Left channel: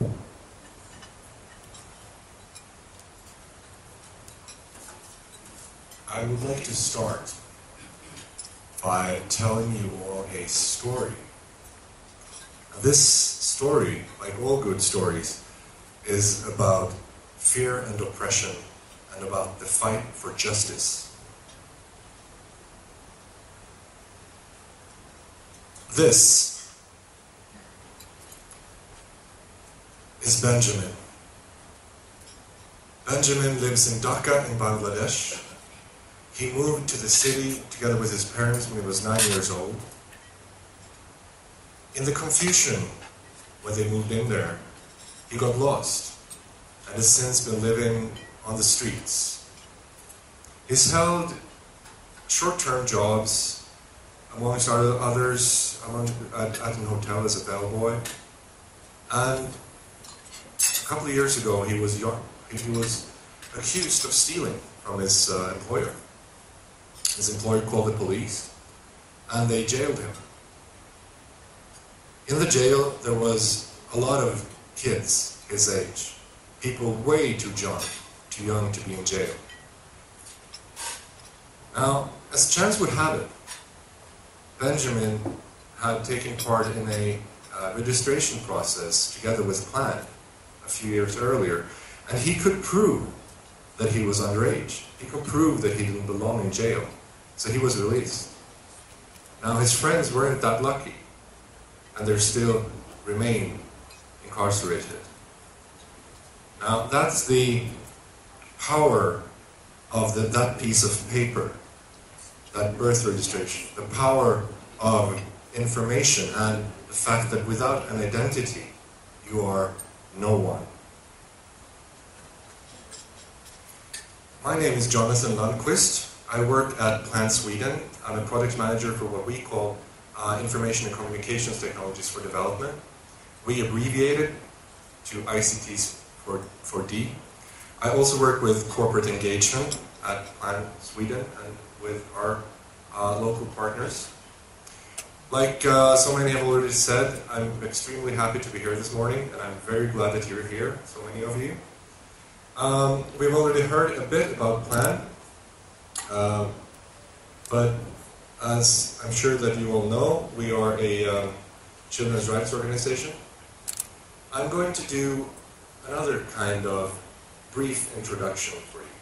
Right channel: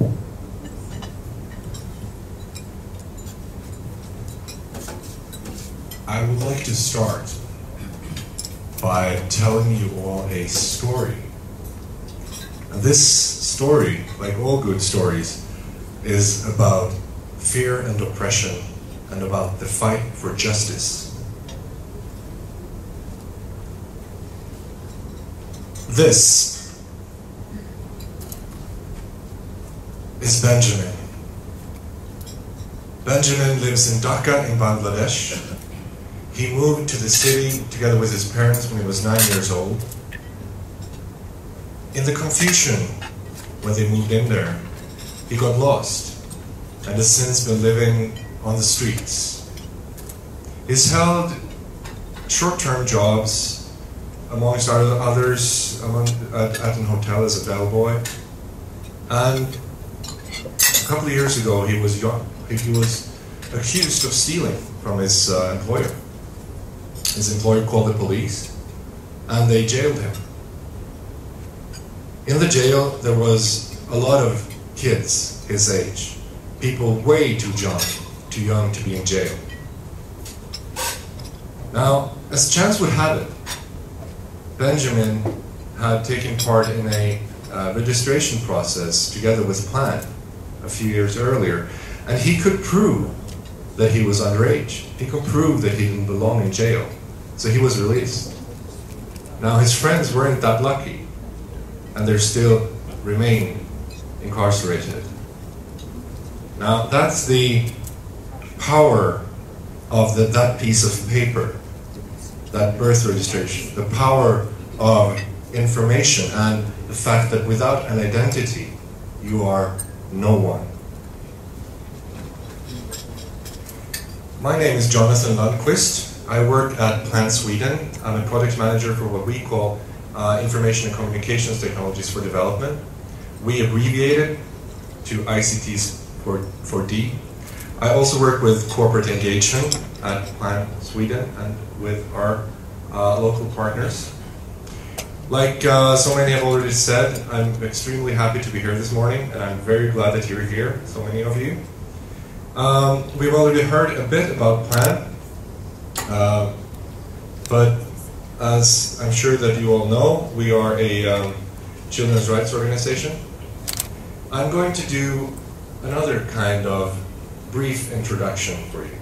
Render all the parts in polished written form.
I would like to start by telling you all a story. This story, like all good stories, is about fear and oppression and about the fight for justice. This is Benjamin. Benjamin lives in Dhaka in Bangladesh. He moved to the city together with his parents when he was 9 years old. In the confusion when they moved in there, he got lost and has since been living on the streets. He's held short-term jobs, amongst others, at an hotel as a bellboy. And a couple of years ago, he was accused of stealing from his employer. His employer called the police, and they jailed him. In the jail, there was a lot of kids his age, people way too young to be in jail. Now, as chance would have it, Benjamin had taken part in a registration process together with Plan a few years earlier, and he could prove that he was underage. He could prove that he didn't belong in jail, so he was released. Now, his friends weren't that lucky, and they still remain incarcerated. Now, that's the power of that piece of paper, that birth registration, the power of information, and the fact that without an identity, you are no one. My name is Jonathan Lundquist. I work at Plan Sweden. I'm a project manager for what we call Information and Communications Technologies for Development. We abbreviate it to ICTs for D. I also work with corporate engagement at Plan Sweden and with our local partners. Like so many have already said, I'm extremely happy to be here this morning, and I'm very glad that you're here, so many of you. We've already heard a bit about Plan, but as I'm sure that you all know, we are a children's rights organization. I'm going to do another kind of brief introduction for you.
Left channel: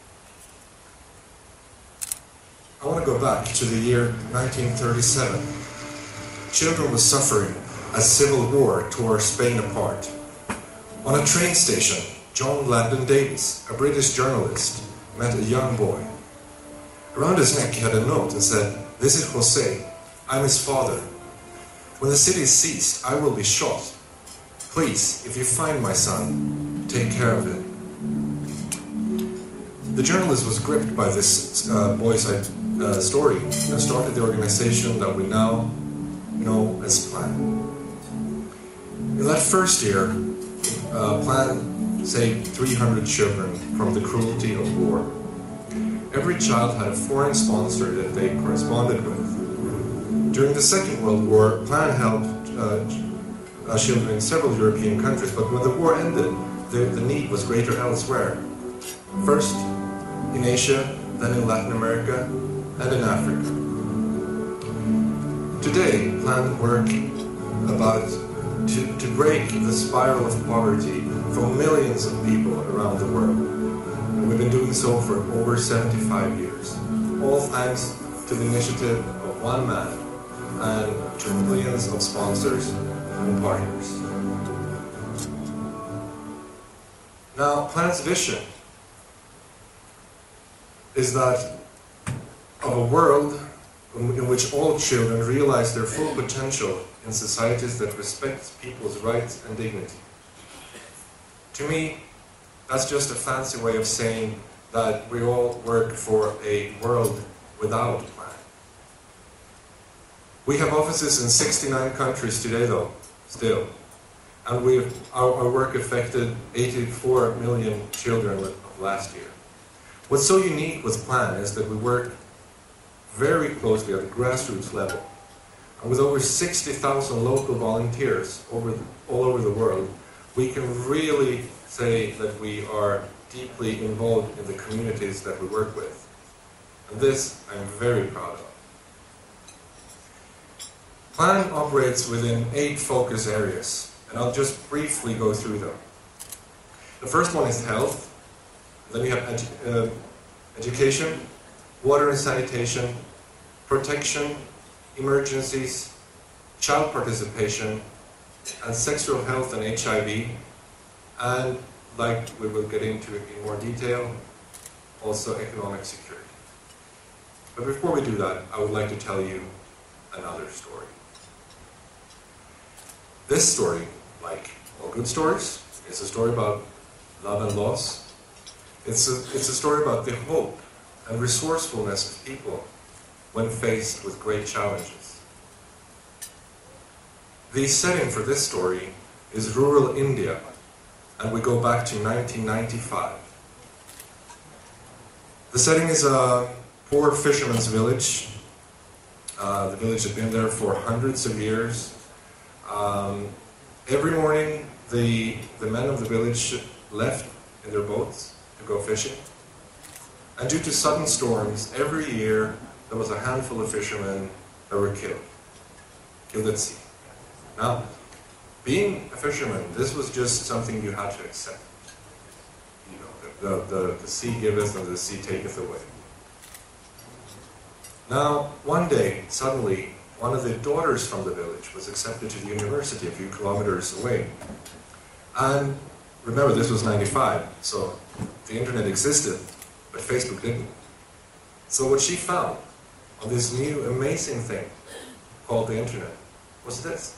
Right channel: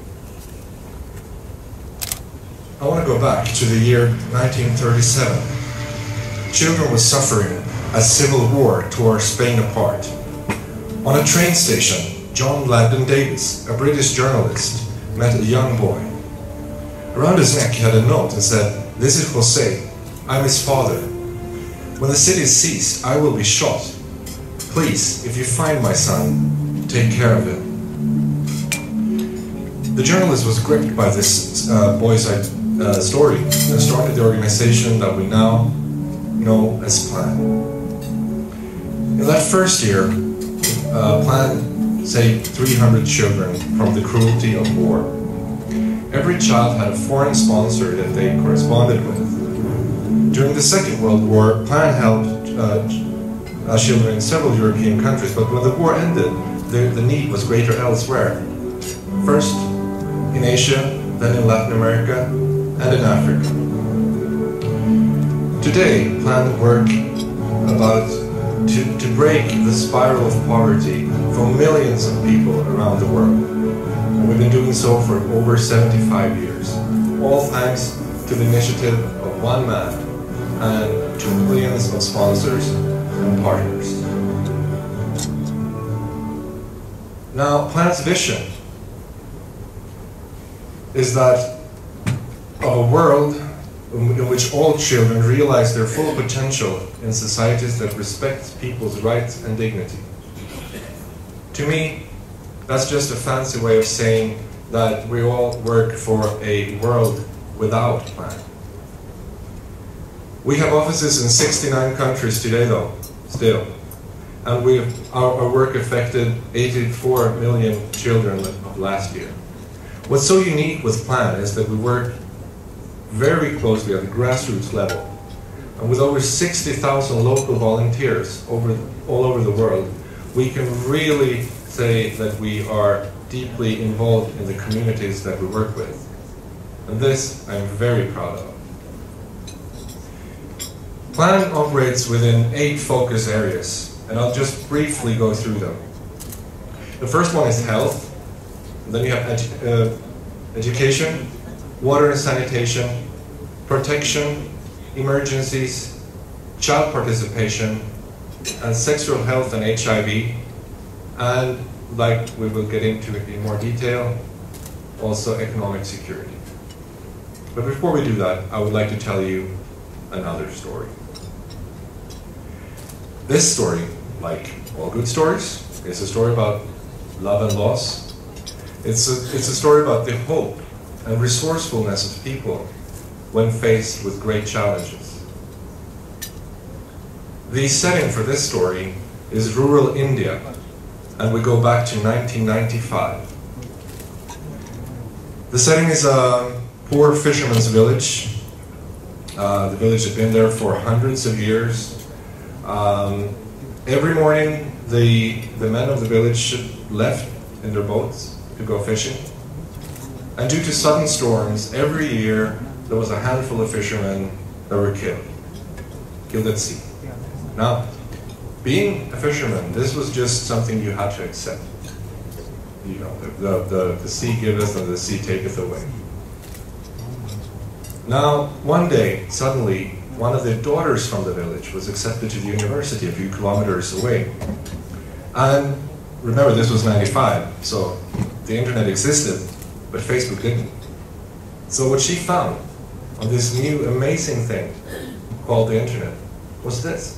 I want to go back to the year 1937. Children were suffering as civil war tore Spain apart. On a train station, John Langdon Davies, a British journalist, met a young boy. Around his neck he had a note that said, "This is Jose. I'm his father. When the city cease, I will be shot. Please, if you find my son, take care of him." The journalist was gripped by this boy's story and started the organization that we now know as Plan. In that first year, Plan saved 300 children from the cruelty of war. Every child had a foreign sponsor that they corresponded with. During the Second World War, Plan helped children in several European countries, but when the war ended, the need was greater elsewhere. First in Asia, then in Latin America, and in Africa. Today, Plan work to break the spiral of poverty for millions of people around the world. And we've been doing so for over 75 years. All thanks to the initiative of one man and to millions of sponsors and partners. Now, Plan's vision is that of a world in which all children realize their full potential in societies that respect people's rights and dignity. To me, that's just a fancy way of saying that we all work for a world without Plan. We have offices in 69 countries today, though, still. And our work affected 84 million children last year. What's so unique with Plan is that we work very closely at the grassroots level. And with over 60,000 local volunteers all over the world, we can really say that we are deeply involved in the communities that we work with. And this I'm very proud of. Plan operates within 8 focus areas, and I'll just briefly go through them. The first one is health. Then you have education, water and sanitation, protection, emergencies, child participation, and sexual health and HIV, and, like we will get into in more detail, also economic security. But before we do that, I would like to tell you another story. This story, like all good stories, is a story about love and loss. It's a story about the hope and resourcefulness of people when faced with great challenges. The setting for this story is rural India, and we go back to 1995. The setting is a poor fisherman's village. The village had been there for hundreds of years. Every morning, the men of the village left in their boats to go fishing. And due to sudden storms, every year there was a handful of fishermen that were killed at sea. Now, being a fisherman, this was just something you had to accept. You know, the sea giveth and the sea taketh away. Now, one day, suddenly, one of the daughters from the village was accepted to the university a few kilometers away. And remember, this was 95, so the internet existed, but Facebook didn't. So what she found of this new amazing thing called the internet was this.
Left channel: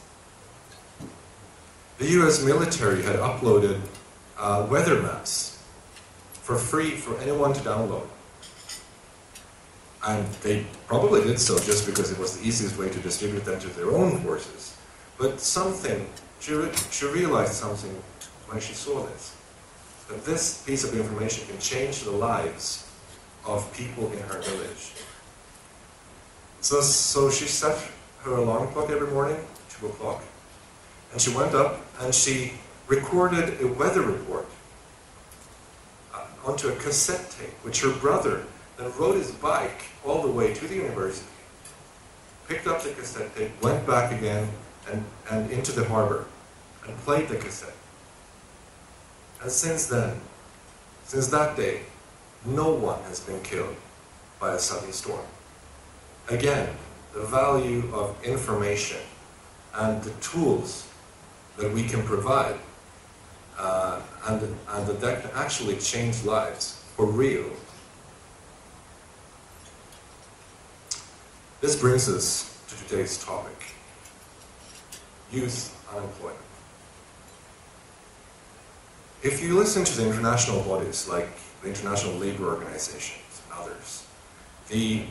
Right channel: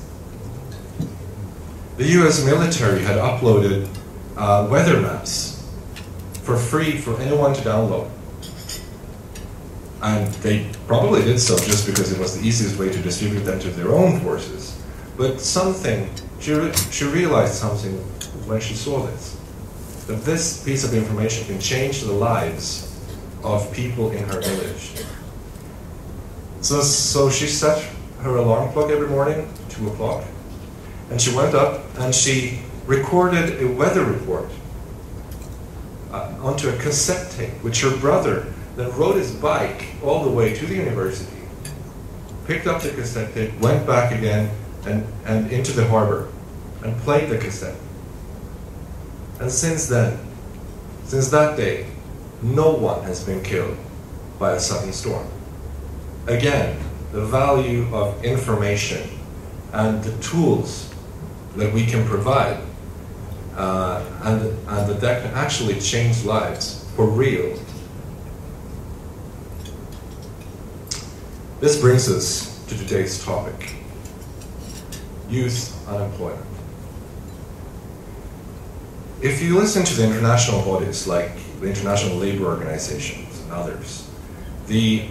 The US military had uploaded weather maps for free for anyone to download. And they probably did so just because it was the easiest way to distribute them to their own forces. But she realized something when she saw this. That this piece of information can change the lives of people in her village. So she set her alarm clock every morning, 2 o'clock, and she went up and she recorded a weather report onto a cassette tape, which her brother then rode his bike all the way to the university, picked up the cassette tape, went back again and into the harbor, and played the cassette. And since then, since that day, no one has been killed by a sudden storm. Again, the value of information and the tools that we can provide, and that can actually change lives for real. This brings us to today's topic: youth unemployment. If you listen to the international bodies like the International Labour Organization and others, this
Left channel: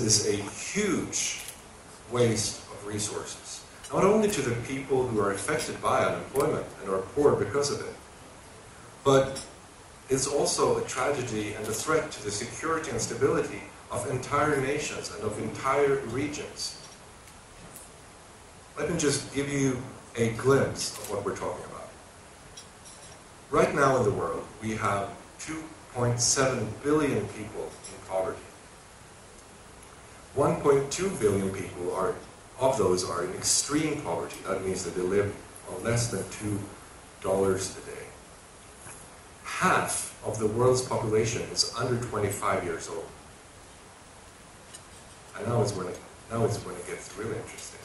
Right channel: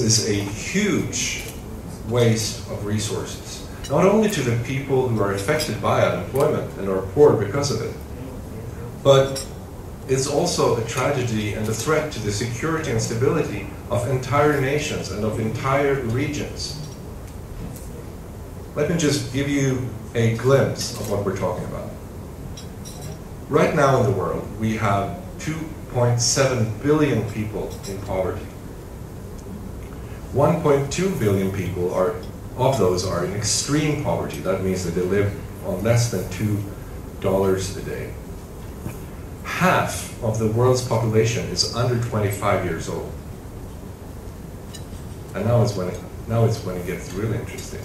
is a huge waste of resources, not only to the people who are affected by unemployment and are poor because of it, but it's also a tragedy and a threat to the security and stability of entire nations and of entire regions. Let me just give you a glimpse of what we're talking about. Right now in the world, we have 2.7 billion people in poverty. 1.2 billion people of those are in extreme poverty. That means that they live on less than $2 a day. Half of the world's population is under 25 years old. And now it's going to get really interesting.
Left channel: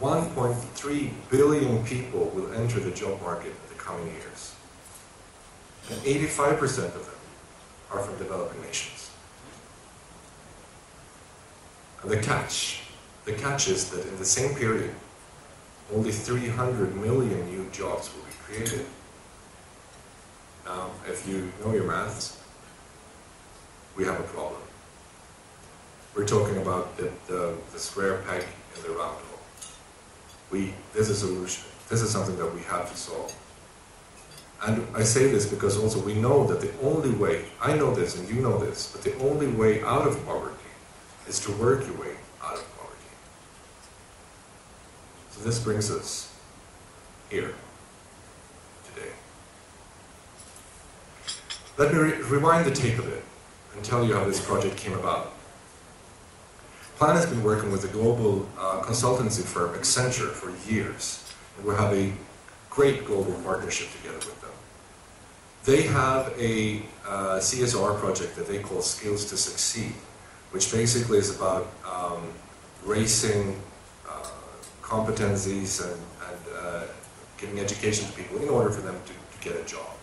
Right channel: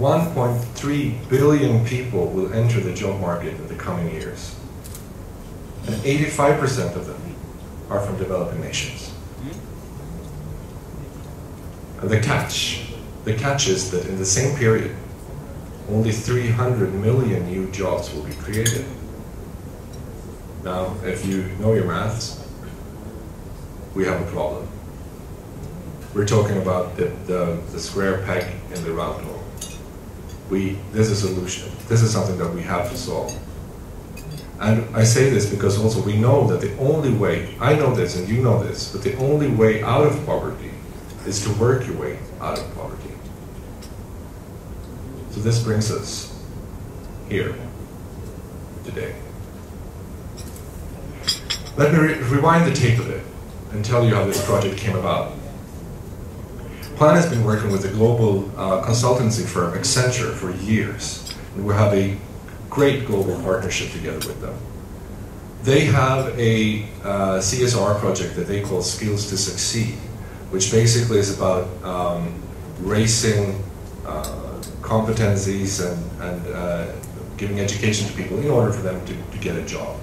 1.3 billion people will enter the job market in the coming years. And 85% of them are from developing nations. And the catch is that in the same period, only 300 million new jobs will be created. Now, if you know your maths, we have a problem. We're talking about the square peg in the round hole. There's a solution. This is something that we have to solve. And I say this because also we know that the only way, I know this and you know this, but the only way out of poverty is to work your way out of poverty. So this brings us here today. Let me rewind the tape a bit and tell you how this project came about. Plan has been working with a global consultancy firm, Accenture, for years. And we have a great global partnership together with them. They have a CSR project that they call Skills to Succeed, which basically is about raising competencies and giving education to people in order for them to get a job.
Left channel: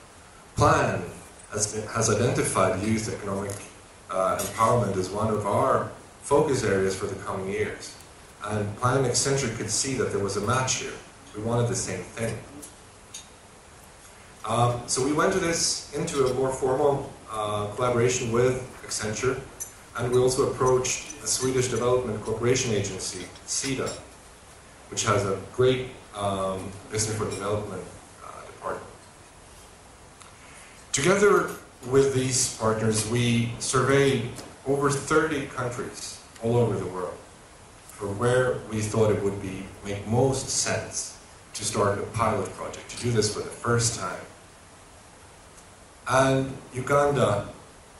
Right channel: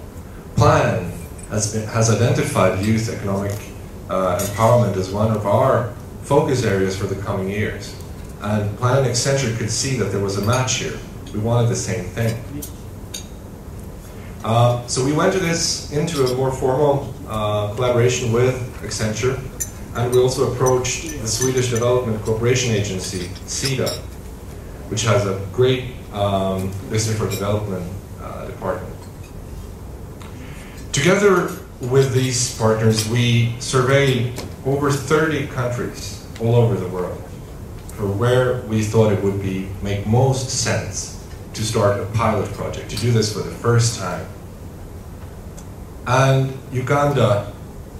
Plan has identified youth economic empowerment as one of our focus areas for the coming years. And Plan and Accenture could see that there was a match here. We wanted the same thing. So we went into a more formal collaboration with Accenture, and we also approached the Swedish Development Cooperation Agency, SIDA, which has a great business for development department. Together with these partners, we surveyed over 30 countries all over the world for where we thought it would make most sense to start a pilot project, to do this for the first time. And Uganda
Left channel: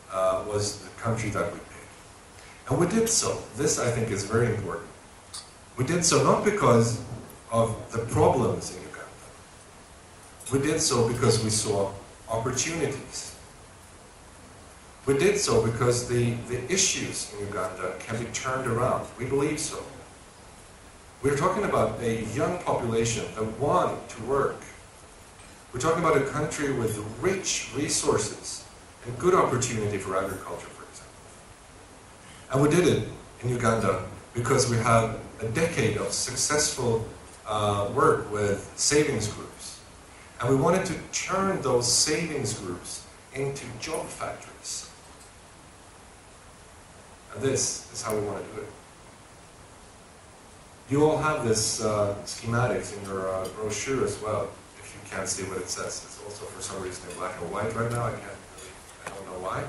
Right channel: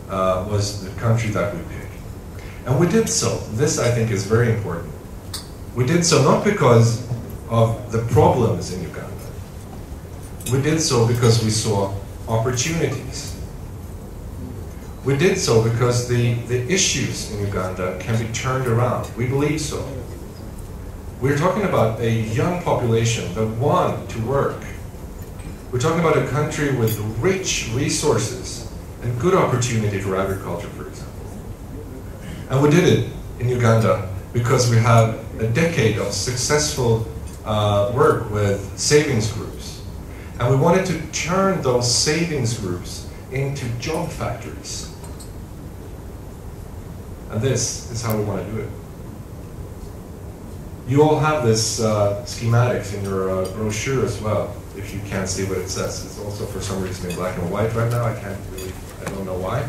was the country that we picked. And we did so. This, I think, is very important. We did so not because of the problems in Uganda. We did so because we saw opportunities. We did so because the issues in Uganda can be turned around. We believe so. We're talking about a young population that want to work. We're talking about a country with rich resources and good opportunity for agriculture, for example. And we did it in Uganda because we had a decade of successful work with savings groups. And we wanted to turn those savings groups into job factories. And this is how we want to do it. You all have this schematics in your brochure as well, if you can't see what it says. It's also for some reason in black and white right now. I don't know why.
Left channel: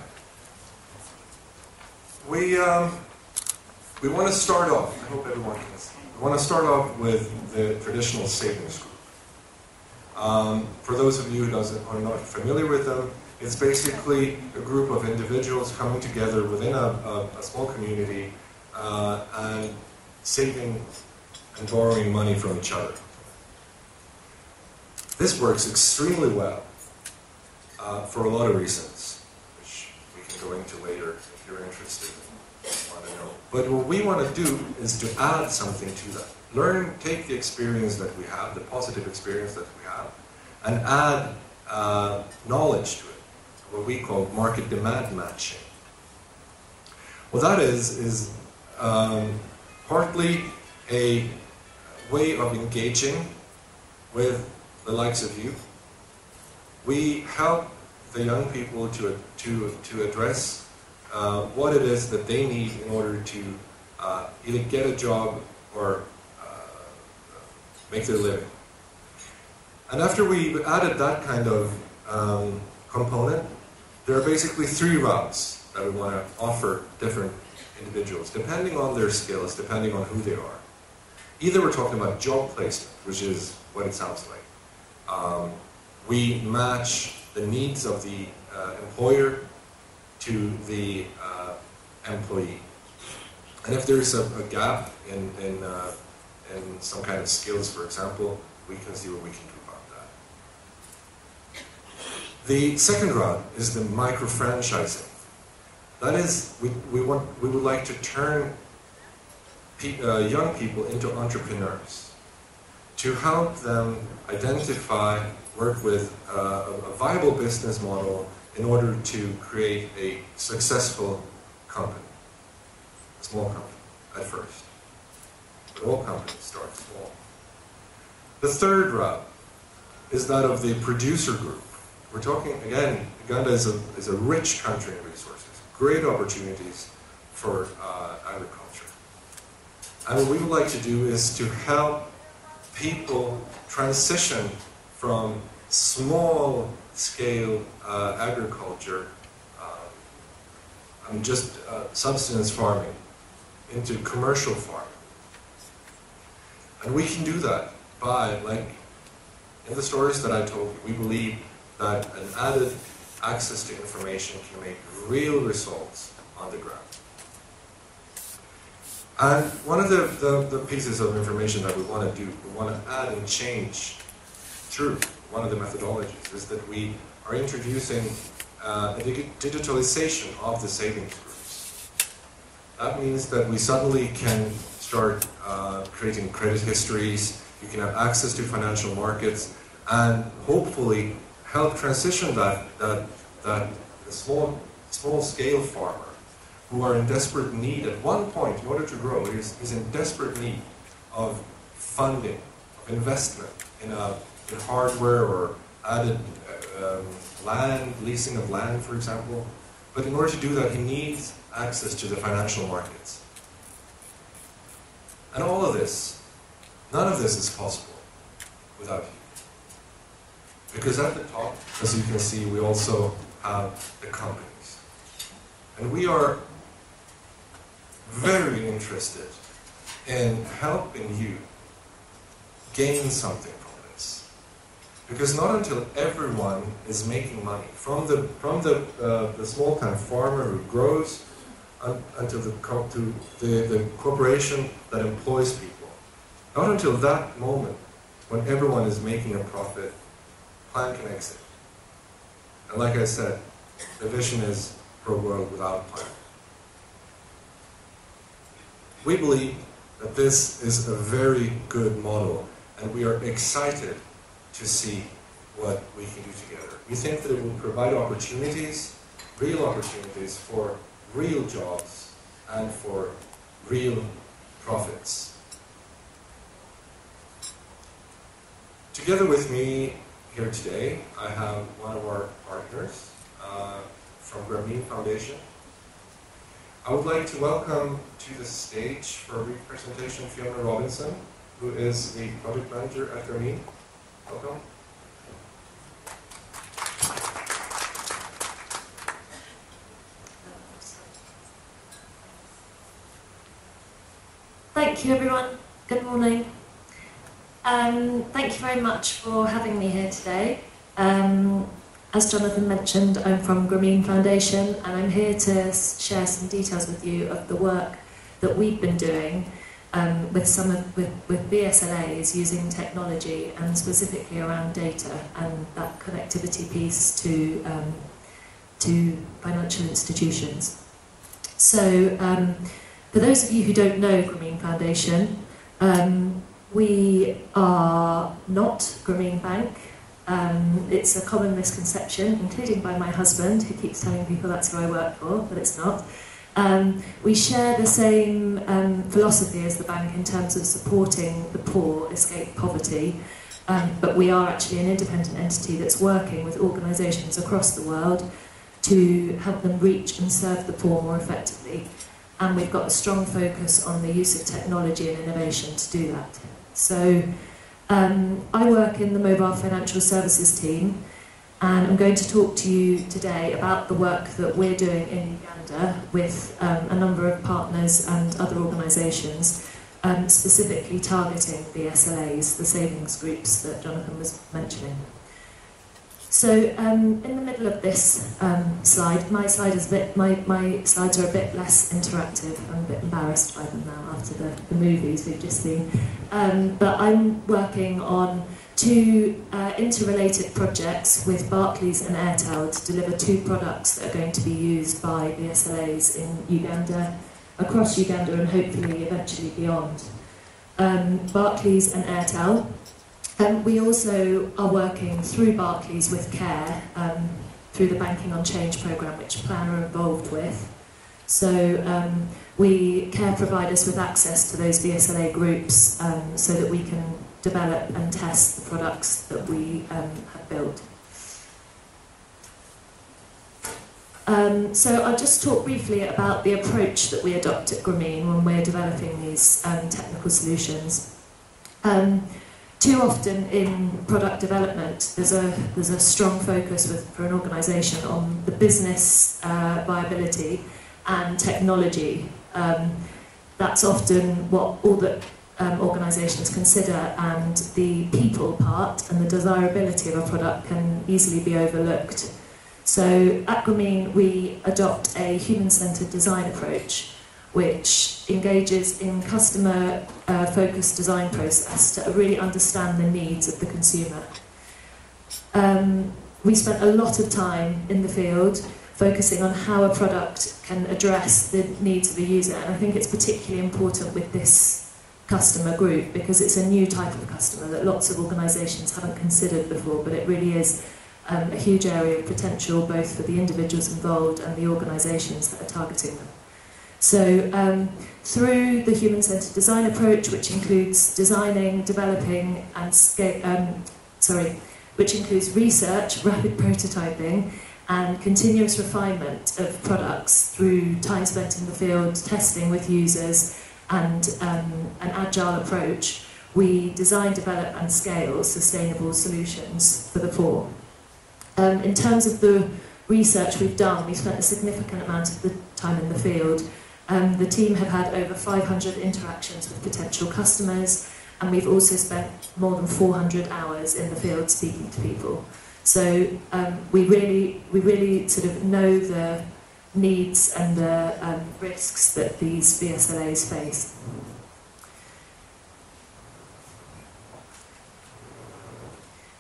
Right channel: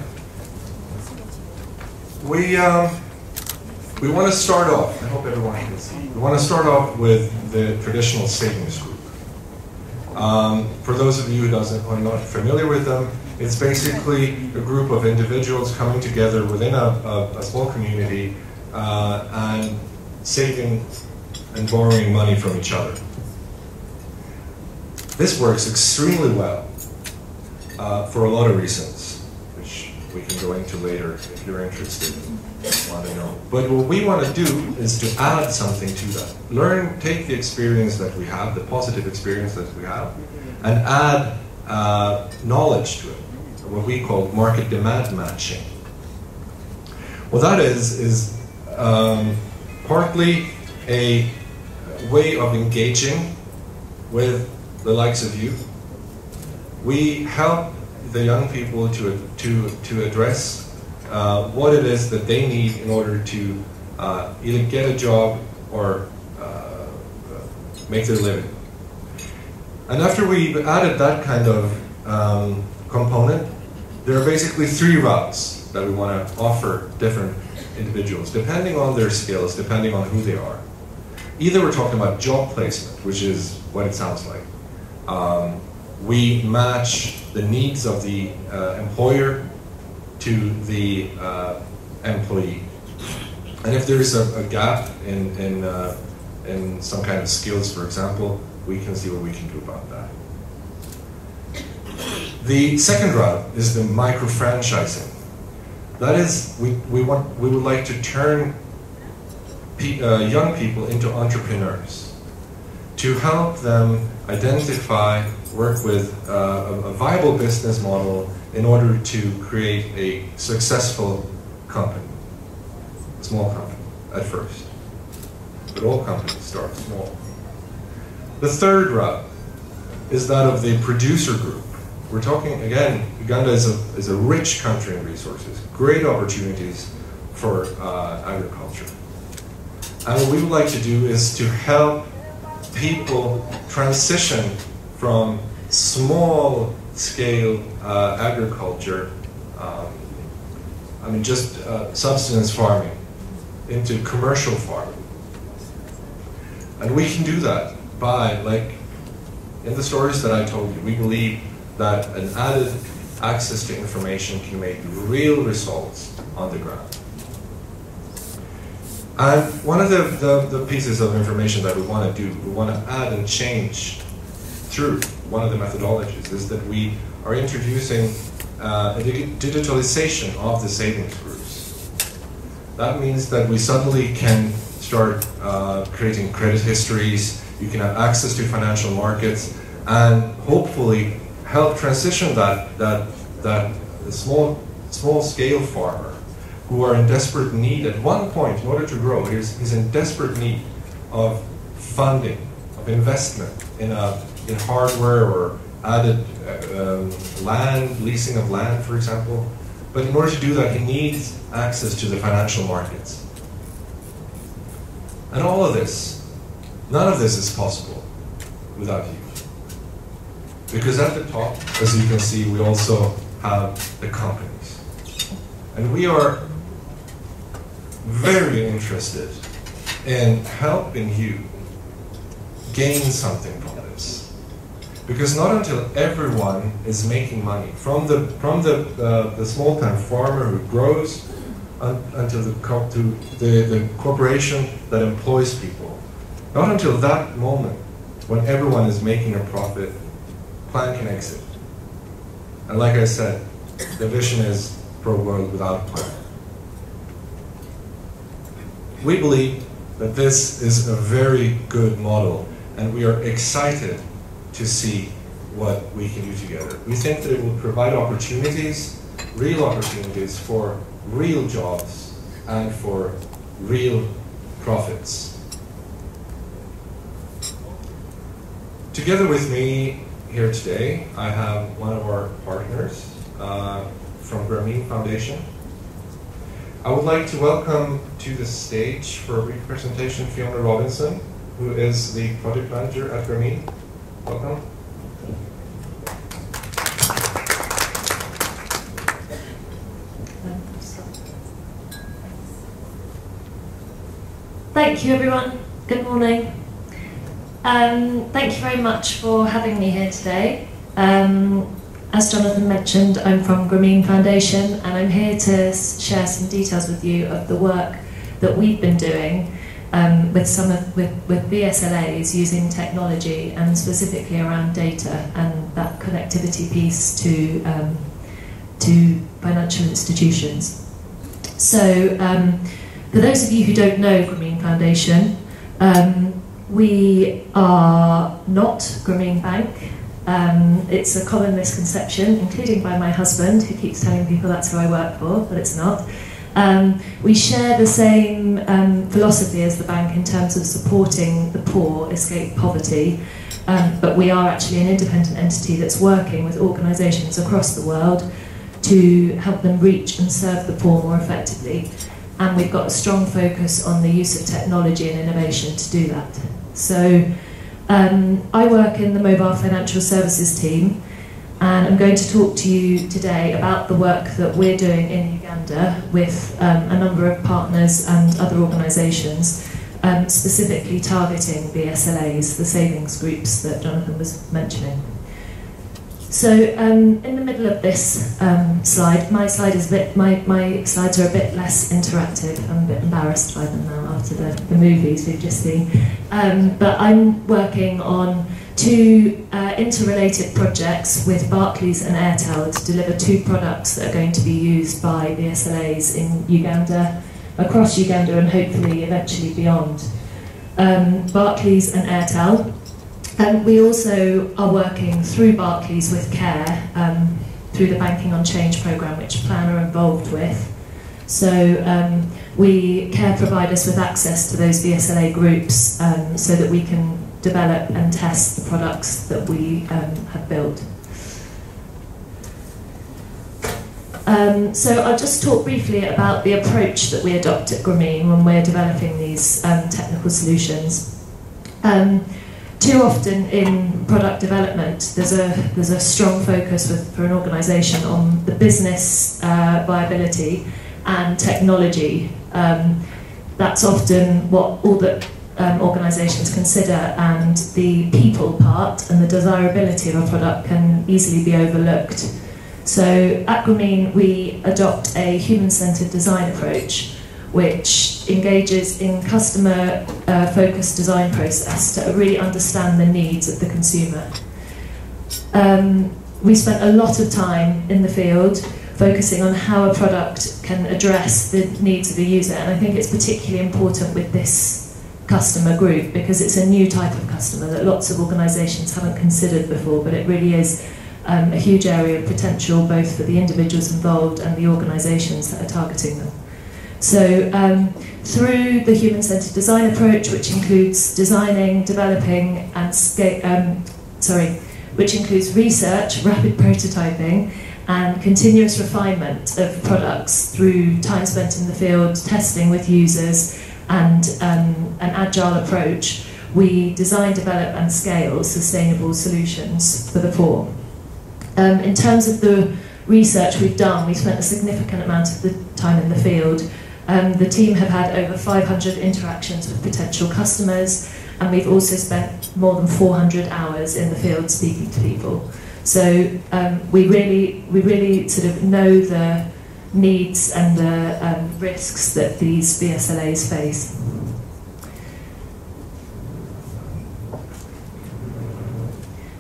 We want to start off, I hope everyone can see, we want to start off with the traditional savings group. For those of you who are not familiar with them, it's basically a group of individuals coming together within a small community and saving and borrowing money from each other. This works extremely well for a lot of reasons, which we can go into later if you're interested in wanting to know. But what we want to do is to add something to that. Take the experience that we have, the positive experience that we have, and add knowledge to it, what we call market demand matching. Well, that is partly a way of engaging with the likes of you. We help the young people to address what it is that they need in order to either get a job or make their living. And after we added that kind of component, there are basically 3 routes that we want to offer different individuals, depending on their skills, depending on who they are. Either we're talking about job placement, which is what it sounds like. We match the needs of the employer to the employee. And if there's a gap in some kind of skills, for example, we can see what we can do about that. The second route is the micro-franchising. That is, we would like to turn young people into entrepreneurs, to help them identify, work with a viable business model in order to create a successful company, small company at first. But all companies start small. The third route is that of the producer group. We're talking, again, Uganda is a rich country in resources, great opportunities for agriculture. And what we would like to do is to help people transition from small-scale agriculture, just subsistence farming, into commercial farming. And we can do that by, like in the stories that I told you, we believe that an added access to information can make real results on the ground. And one of the pieces of information that we want to do, we want to add and change through one of the methodologies, is that we are introducing a digitalization of the savings groups. That means that we suddenly can start creating credit histories, you can have access to financial markets, and hopefully help transition that small scale farmer who are in desperate need at one point in order to grow. He's in desperate need of funding, of investment in hardware or added land, leasing of land, for example. But in order to do that, he needs access to the financial markets. And all of this, none of this is possible without you. Because at the top, as you can see, we also have the companies. And we are very interested in helping you gain something from this. Because not until everyone is making money, from the small-time farmer who grows until the corporation that employs people, not until that moment when everyone is making a profit, plan can exit. And like I said, the vision is for a world without crime. We believe that this is a very good model, and we are excited to see what we can do together. We think that it will provide opportunities, real opportunities for real jobs and for real profits. Together with me here today, I have one of our partners from Grameen Foundation. I would like to welcome to the stage for a brief presentation Fiona Robinson, who is the project manager at Grameen. Welcome. Thank you, everyone. Good morning. Thank you very much for having me here today. As Jonathan mentioned, I'm from Grameen Foundation, and I'm here to share some details with you of the work that we've been doing with BSLAs using technology, and specifically around data and that connectivity piece to financial institutions. So, for those of you who don't know Grameen Foundation, we are not Grameen Bank. It's a common misconception, including by my husband, who keeps telling people that's who I work for, but it's not. We share the same philosophy as the bank in terms of supporting the poor escape poverty, but we are actually an independent entity that's working with organisations across the world to help them reach and serve the poor more effectively. And we've got a strong focus on the use of technology and innovation to do that. So I work in the mobile financial services team, and I'm going to talk to you today about the work that we're doing in Uganda with a number of partners and other organisations, specifically targeting BSLAs, the savings groups that Jonathan was mentioning. So in the middle of this slide, my slides are a bit less interactive. I'm a bit embarrassed by them now after the movies we've just seen. But I'm working on two interrelated projects with Barclays and Airtel to deliver two products that are going to be used by BSLAs in Uganda, across Uganda, and hopefully eventually beyond. Barclays and Airtel. We also are working through Barclays with CARE, through the Banking on Change programme, which Plan are involved with. So CARE provide us with access to those BSLA groups so that we can develop and test the products that we have built. So I'll just talk briefly about the approach that we adopt at Grameen when we're developing these technical solutions. Too often in product development, there's a strong focus for an organisation on the business viability and technology. That's often what all that organisations consider, and the people part and the desirability of a product can easily be overlooked. So at Grumeen, we adopt a human-centred design approach, which engages in customer-focused design process to really understand the needs of the consumer. We spent a lot of time in the field focusing on how a product can address the needs of the user, and I think it's particularly important with this customer group because it's a new type of customer that lots of organisations haven't considered before, but it really is a huge area of potential both for the individuals involved and the organisations that are targeting them. So through the human-centred design approach, which includes designing, developing and which includes research, rapid prototyping and continuous refinement of products through time spent in the field, testing with users and an agile approach, we design, develop and scale sustainable solutions for the poor. In terms of the research we've done, we've spent a significant amount of the time in the field. The team have had over 500 interactions with potential customers, and we've also spent more than 400 hours in the field speaking to people. So we really sort of know the needs and the risks that these BSLAs face.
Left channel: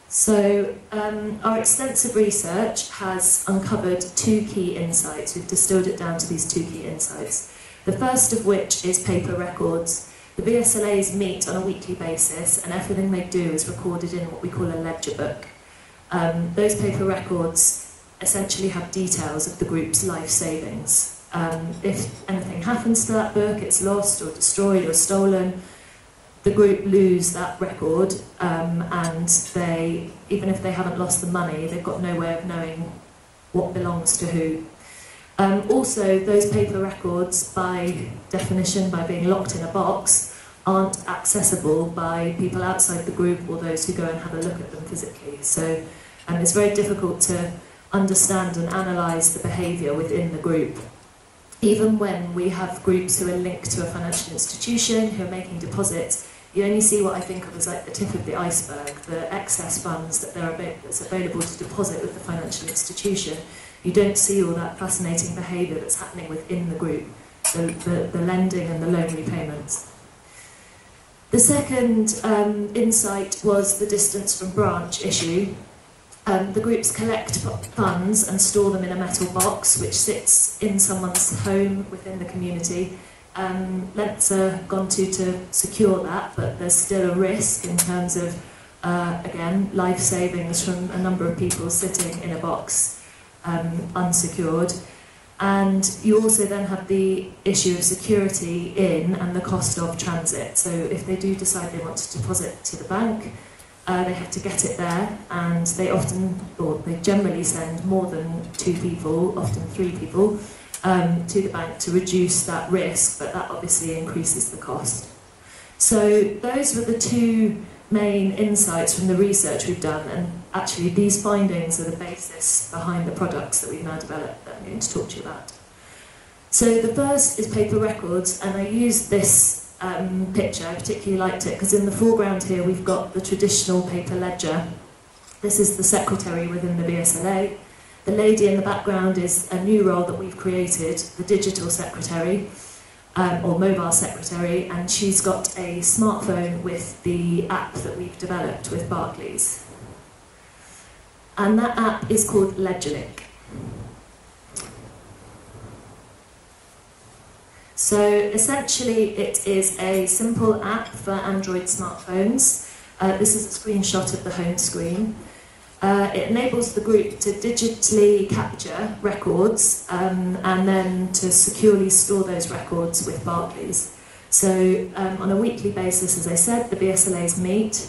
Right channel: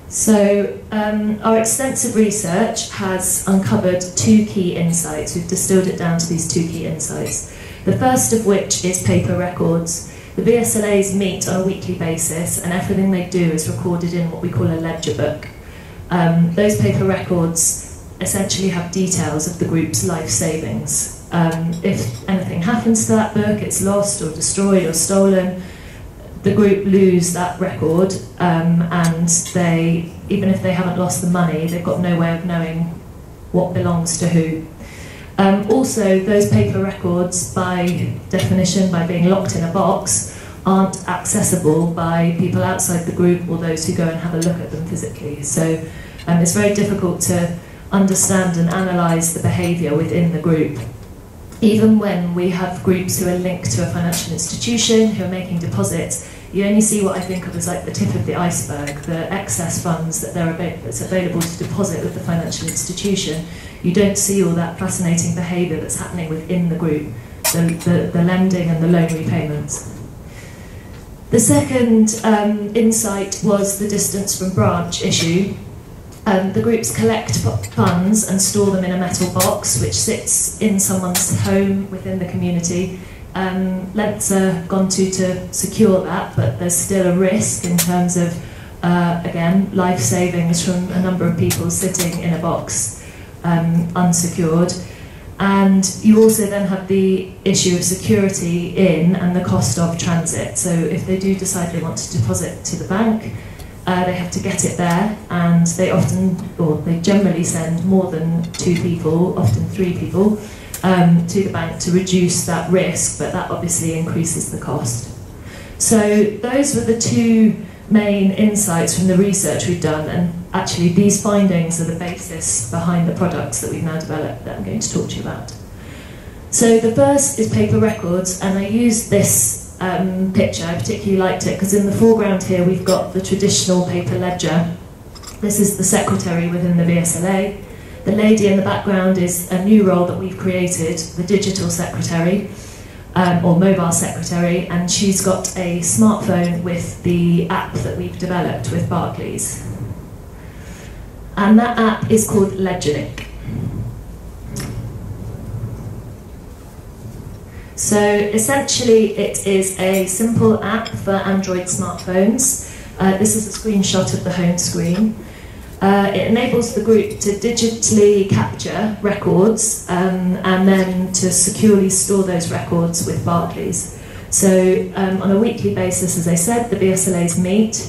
So our extensive research has uncovered two key insights. We've distilled it down to these two key insights. The first of which is paper records. The BSLAs meet on a weekly basis, and everything they do is recorded in what we call a ledger book. Those paper records essentially have details of the group's life savings. If anything happens to that book, it's lost or destroyed or stolen, the group lose that record, and they, even if they haven't lost the money, they've got no way of knowing what belongs to who. Also, those paper records, by definition, by being locked in a box, aren't accessible by people outside the group or those who go and have a look at them physically. So it's very difficult to understand and analyse the behaviour within the group. Even when we have groups who are linked to a financial institution, who are making deposits, you only see what I think of as like the tip of the iceberg, the excess funds that's available to deposit with the financial institution. You don't see all that fascinating behaviour that's happening within the group, the lending and the loan repayments. The second insight was the distance from branch issue. The groups collect funds and store them in a metal box which sits in someone's home within the community. Lengths are gone to secure that, but there's still a risk in terms of, again, life savings from a number of people sitting in a box unsecured. And you also then have the issue of security in and the cost of transit. So if they do decide they want to deposit to the bank, they have to get it there, and they often, or they generally send more than 2 people, often 3 people, to the bank to reduce that risk, but that obviously increases the cost. So those were the 2 main insights from the research we've done, and actually these findings are the basis behind the products that we've now developed that I'm going to talk to you about. So the first is paper records, and I used this picture. I particularly liked it because in the foreground here we've got the traditional paper ledger. This is the secretary within the BSLA. The lady in the background is a new role that we've created, the digital secretary, or mobile secretary, and she's got a smartphone with the app that we've developed with Barclays. And that app is called LedgerLink. So essentially it is a simple app for Android smartphones. This is a screenshot of the home screen. It enables the group to digitally capture records and then to securely store those records with Barclays. So on a weekly basis, as I said, the BSLAs meet.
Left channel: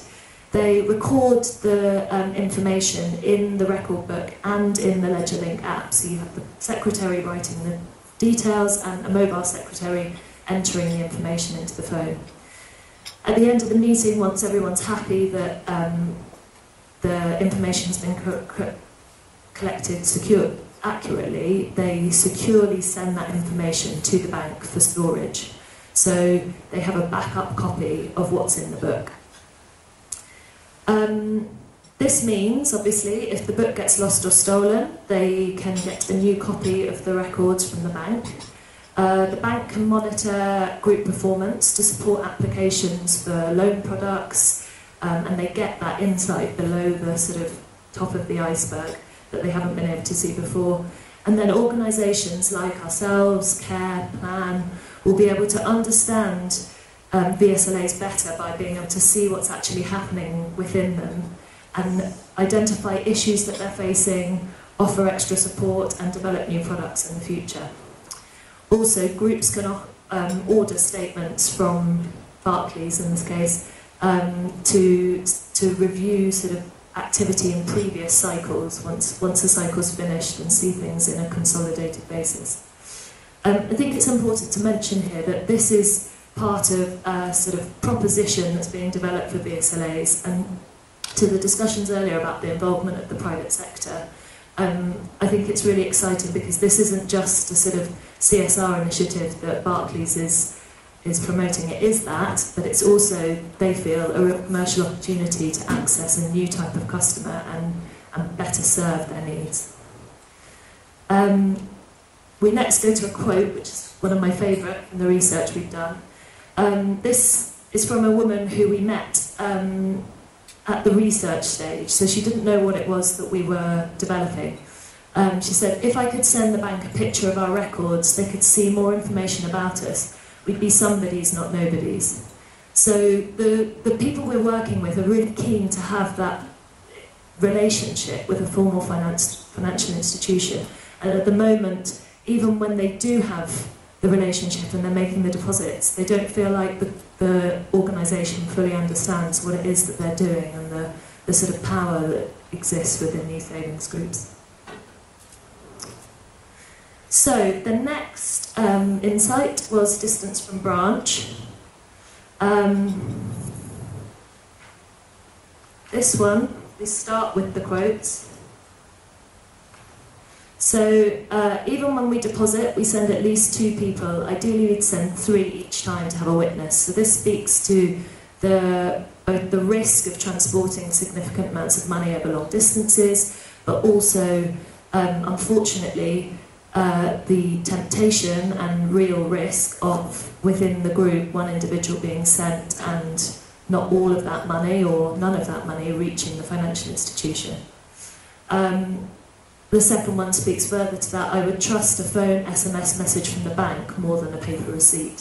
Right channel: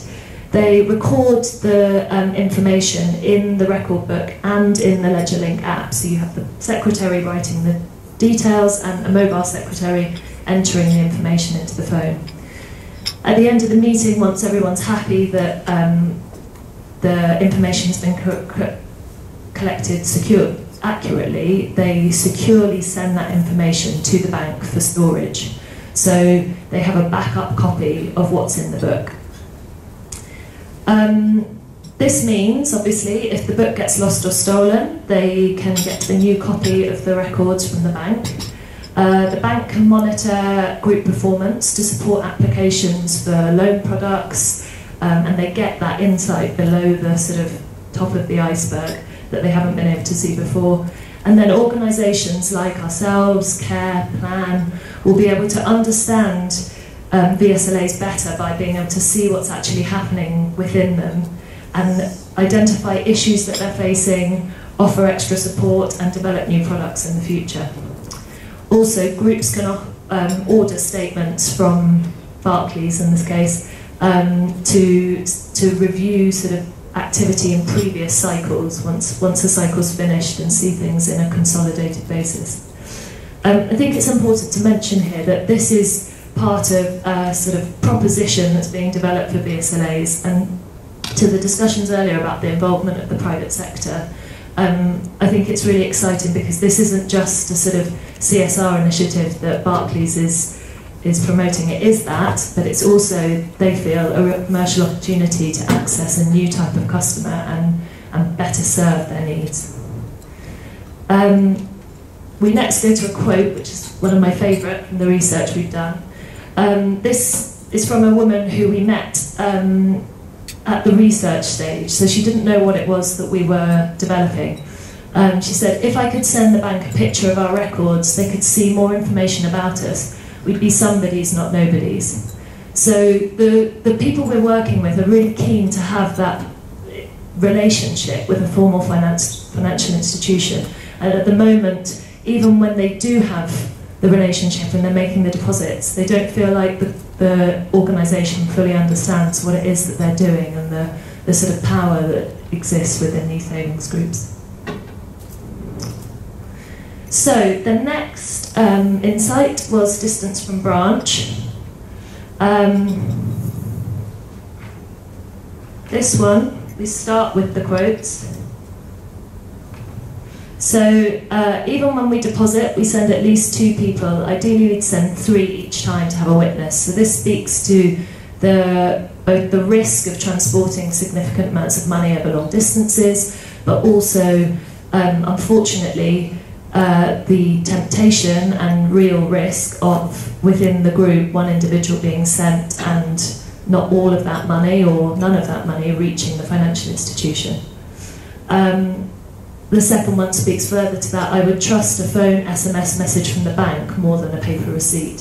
They record the information in the record book and in the LedgerLink app. So you have the secretary writing the details and a mobile secretary entering the information into the phone. At the end of the meeting, once everyone's happy that the information's been collected accurately, they securely send that information to the bank for storage. so they have a backup copy of what's in the book. This means, obviously, if the book gets lost or stolen, they can get a new copy of the records from the bank. The bank can monitor group performance to support applications for loan products, and they get that insight below the sort of top of the iceberg that they haven't been able to see before. And then organisations like ourselves, CARE, PLAN, will be able to understand VSLAs better by being able to see what's actually happening within them and identify issues that they're facing, offer extra support and develop new products in the future. Also, groups can order statements from Barclays in this case to review sort of activity in previous cycles once the cycle's finished and see things in a consolidated basis. I think it's important to mention here that this is part of a sort of proposition that's being developed for BSLAs, and to the discussions earlier about the involvement of the private sector, I think it's really exciting because this isn't just a sort of CSR initiative that Barclays is promoting. It is that, but it's also, they feel, a commercial opportunity to access a new type of customer and better serve their needs. We next go to a quote, which is one of my favourite from the research we've done. This is from a woman who we met at the research stage, so she didn't know what it was that we were developing. She said, if I could send the bank a picture of our records, they could see more information about us. We'd be somebodies, not nobodies. So the people we're working with are really keen to have that relationship with a formal financial institution. And at the moment, even when they do have the relationship and they're making the deposits, they don't feel like the organisation fully understands what it is that they're doing and the sort of power that exists within these savings groups. So the next insight was distance from branch. This one, we start with the quotes. So even when we deposit, we send at least 2 people. Ideally, we'd send 3 each time to have a witness. So this speaks to both the risk of transporting significant amounts of money over long distances, but also, unfortunately, the temptation and real risk of, within the group, one individual being sent and not all of that money or none of that money reaching the financial institution. The second one speaks further to that. I would trust a phone SMS message from the bank more than a paper receipt.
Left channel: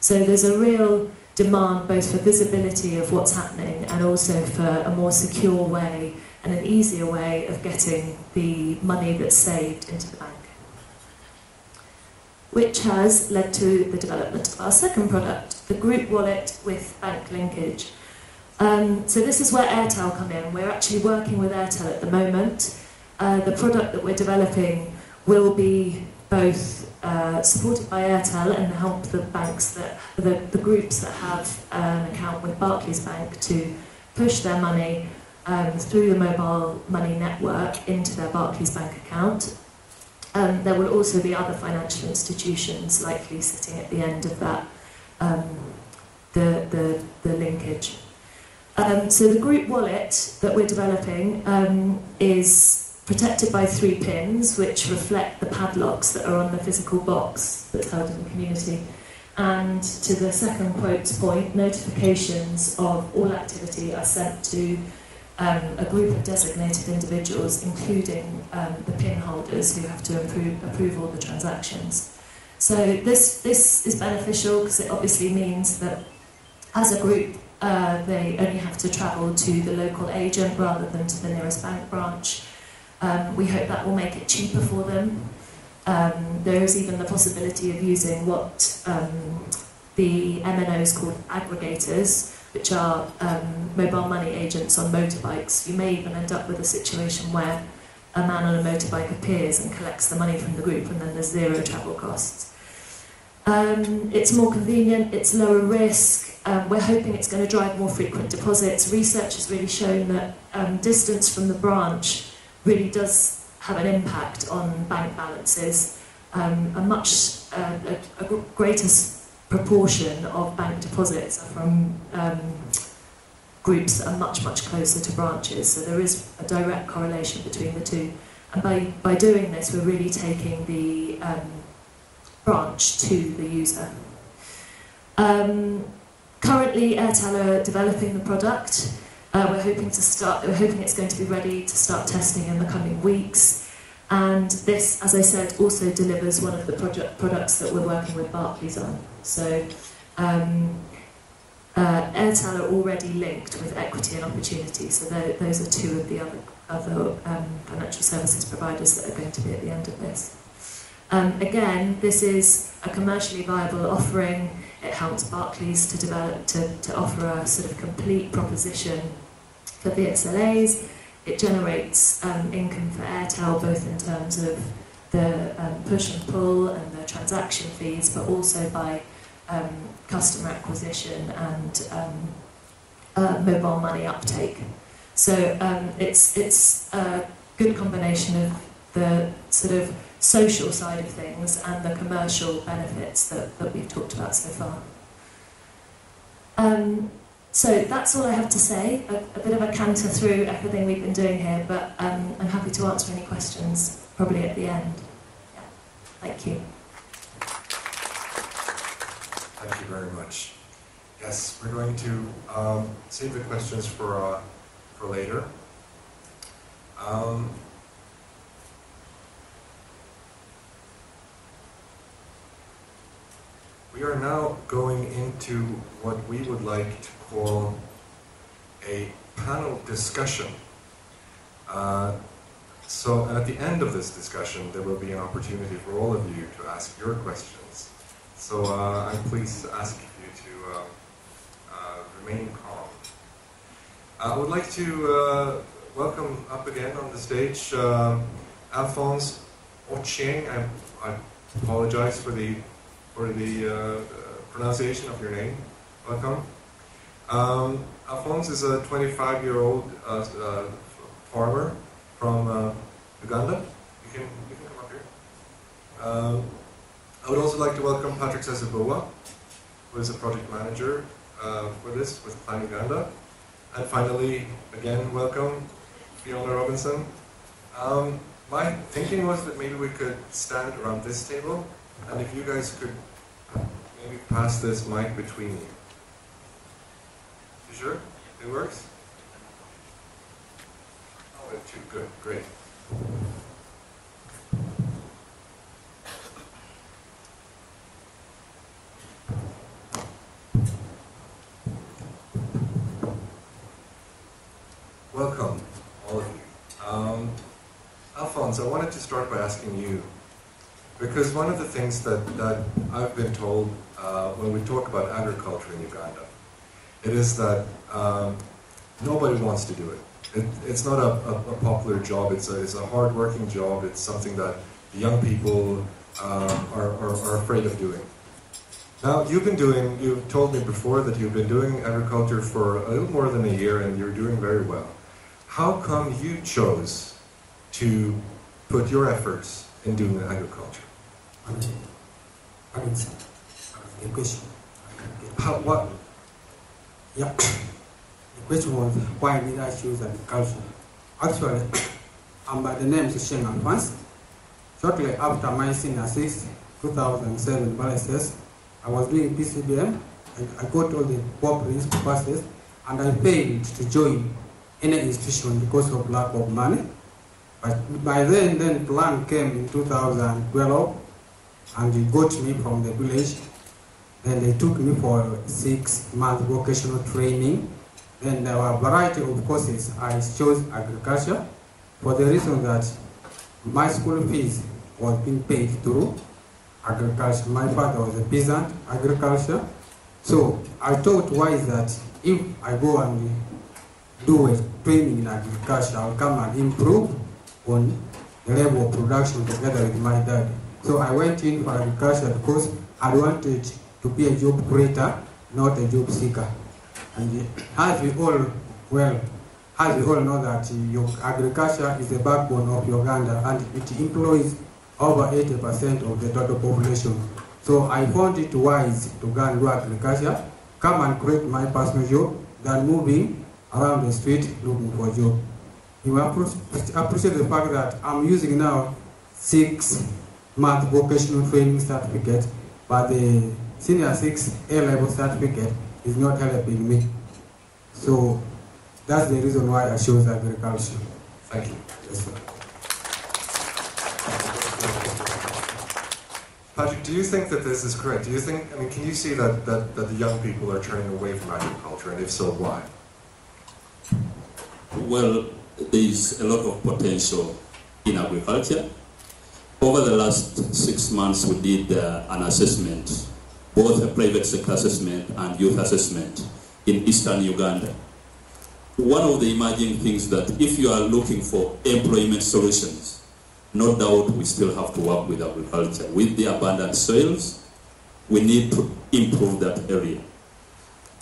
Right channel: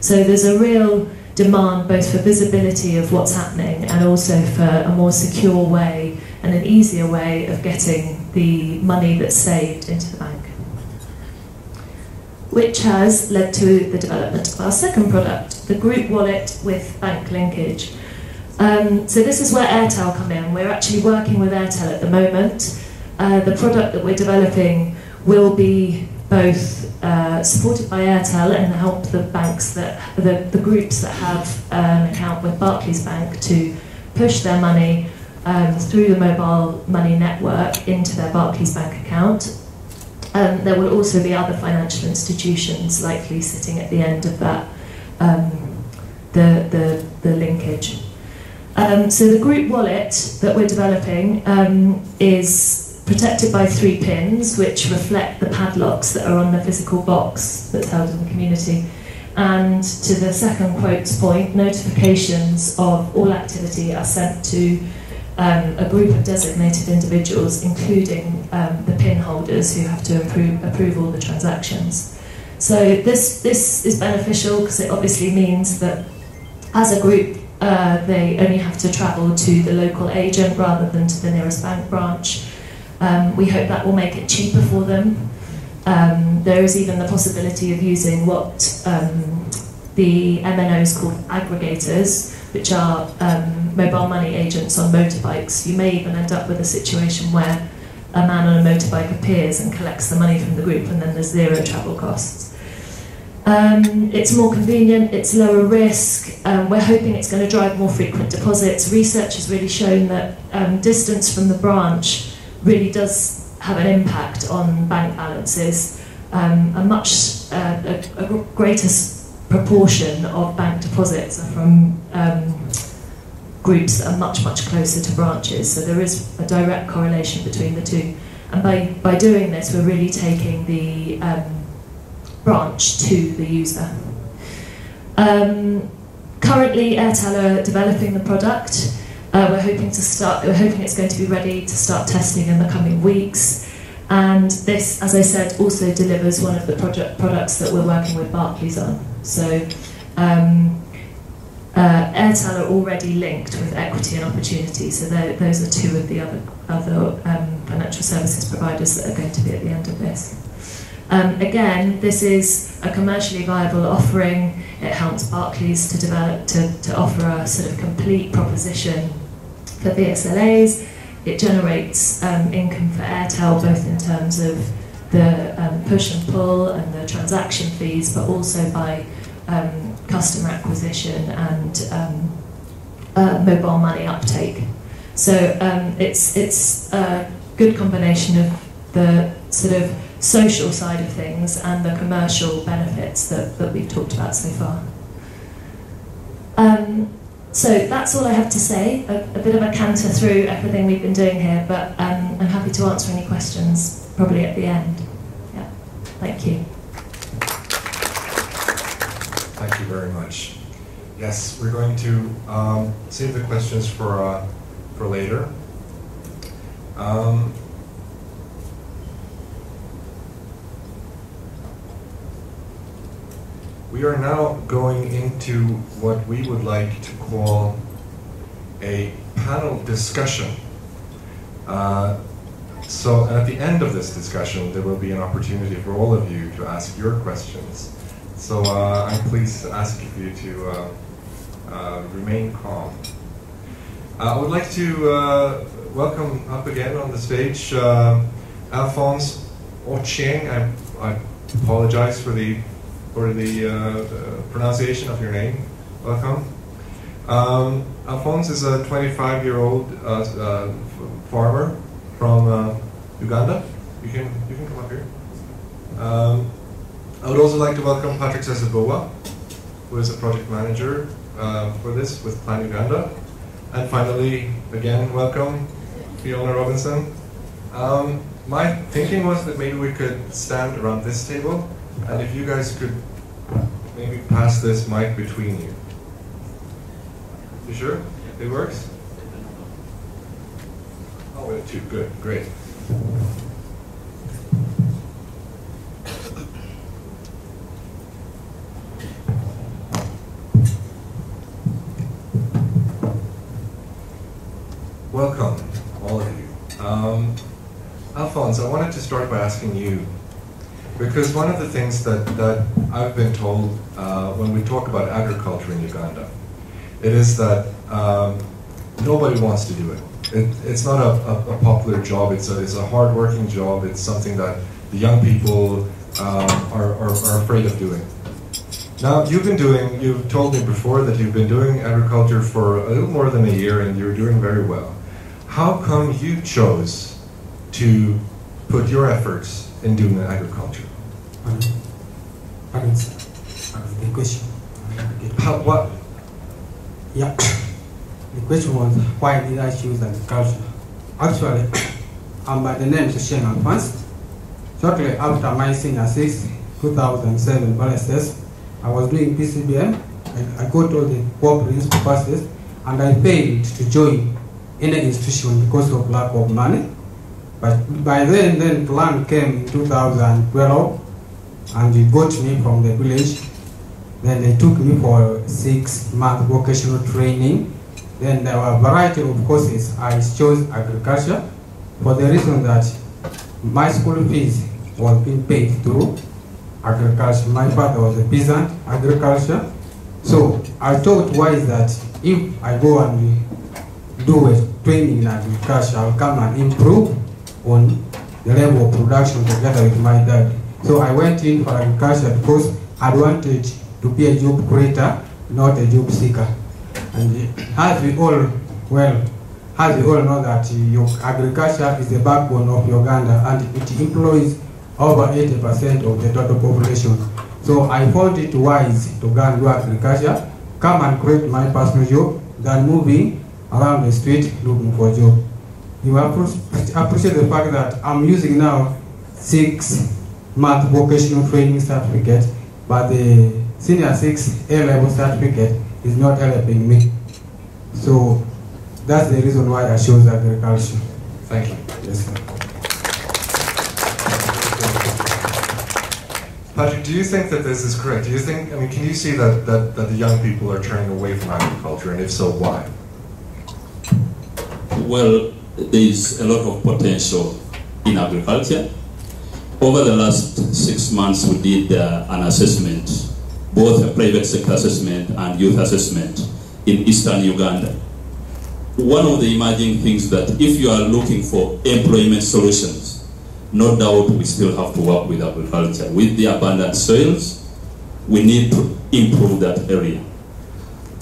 So there's a real demand both for visibility of what's happening and also for a more secure way and an easier way of getting the money that's saved into the bank, which has led to the development of our second product, the group wallet with bank linkage. So this is where Airtel come in. We're actually working with Airtel at the moment. The product that we're developing will be both supported by Airtel and help the banks the groups that have an account with Barclays Bank to push their money through the mobile money network into their Barclays Bank account. There will also be other financial institutions likely sitting at the end of that, the linkage. So the group wallet that we're developing is protected by 3 pins, which reflect the padlocks that are on the physical box that's held in the community. And to the second quotes point, notifications of all activity are sent to a group of designated individuals, including the pin holders who have to approve all the transactions. So this is beneficial because it obviously means that as a group they only have to travel to the local agent rather than to the nearest bank branch. We hope that will make it cheaper for them. There is even the possibility of using what the MNOs call aggregators, which are mobile money agents on motorbikes. You may even end up with a situation where a man on a motorbike appears and collects the money from the group, and then there's 0 travel costs. It's more convenient, it's lower risk. We're hoping it's going to drive more frequent deposits. Research has really shown that distance from the branch really does have an impact on bank balances. A greater proportion of bank deposits are from groups that are much, much closer to branches. So there is a direct correlation between the two. And by doing this, we're really taking the branch to the user. Currently, Airtel are developing the product. We're hoping it's going to be ready to start testing in the coming weeks. And this, as I said, also delivers one of the products that we're working with Barclays on. So Airtel are already linked with equity and opportunity. So those are two of the other financial services providers that are going to be at the end of this. Again, this is a commercially viable offering. It helps Barclays to develop, to offer a sort of complete proposition for the SLAs. It generates income for Airtel, both in terms of the push and pull and the transaction fees, but also by customer acquisition and mobile money uptake. So it's a good combination of the sort of social side of things and the commercial benefits that we've talked about so far. So that's all I have to say, a bit of a canter through everything we've been doing here, but I'm happy to answer any questions, probably at the end. Yeah. Thank you. Thank you very much. Yes, we're going to save the questions for later. We are now going into what we would like to call a panel discussion. So at the end of this discussion, there will be an opportunity for all of you to ask your questions. So I'm pleased to ask you to remain calm. I would like to welcome up again on the stage Alphonse Ochieng. I apologize for the pronunciation of your name. Welcome. Alphonse is a 25-year-old farmer from Uganda. You can come up here. I would also like to welcome Patrick Sezaboba, who is the project manager for this with Plan Uganda. And finally, again, welcome Fiona Robinson. My thinking was that maybe we could stand around this table, and if you guys could maybe pass this mic between you. You sure? It works? Oh, it's too good. Great. Welcome, all of you. Alphonse, I wanted to start by asking you, because one of the things that I've been told when we talk about agriculture in Uganda, it is that nobody wants to do it. It's not a popular job, it's a hard-working job, it's something that the young people are afraid of doing. Now, you've told me before that you've been doing agriculture for a little more than a year and you're doing very well. How come you chose to put your efforts in doing agriculture? Thanks. The question. What? Yeah. The question was, why did I choose agriculture? Actually, by the name Sheng Advanced. Shortly after my senior 2007 OSS, I was doing PCBM, and I got all the core principal courses, and I paid to join any institution because of lack of money. But by then plan came in 2012, and they got me from the village. Then they took me for 6-month vocational training. Then there were a variety of courses. I chose agriculture for the reason that my school fees was being paid through agriculture. My father was a peasant, agriculture. So I thought, why is that if I go and do a training in agriculture, I'll come and improve on the level of production together with my dad. So I went in for agriculture because I wanted to be a job creator, not a job seeker. And as we all know that agriculture is the backbone of Uganda, and it employs over 80% of the total population. So I found it wise to go and do agriculture, come and create my personal job, than moving around the street looking for a job. You appreciate the fact that I'm using now 6-month vocational training certificate, but the senior 6 A-level certificate is not helping me. So that's the reason why I chose agriculture. Thank you. Yes, sir. Patrick, do you think that this is correct? Do you think, I mean, can you see that the young people are turning away from agriculture, and if so, why? Well, there is a lot of potential in agriculture. Over the last 6 months, we did an assessment, both a private sector assessment and youth assessment in eastern Uganda. One of the emerging things that if you are looking for employment solutions, no doubt we still have to work with agriculture. With the abundant soils, we need to improve that area.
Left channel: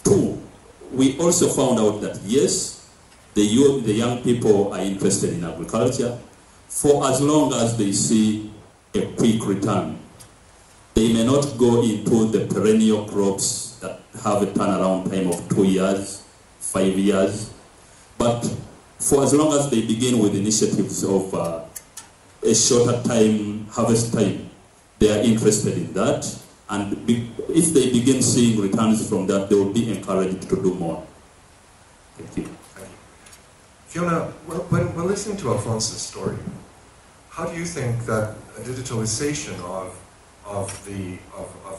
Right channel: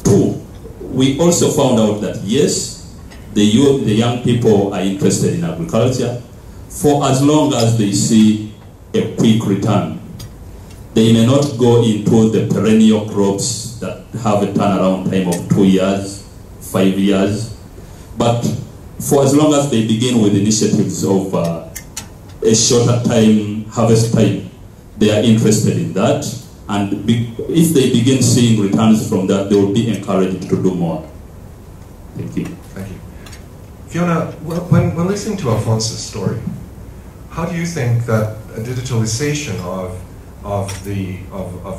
2, we also found out that yes, the young people are interested in agriculture for as long as they see a quick return. They may not go into the perennial crops that have a turnaround time of 2 years, 5 years, but for as long as they begin with initiatives of a shorter time, harvest time, they are interested in that, and if they begin seeing returns from that, they will be encouraged to do more. Thank you. Thank you. Fiona, when listening to Alphonse's story, how do you think that a digitalization of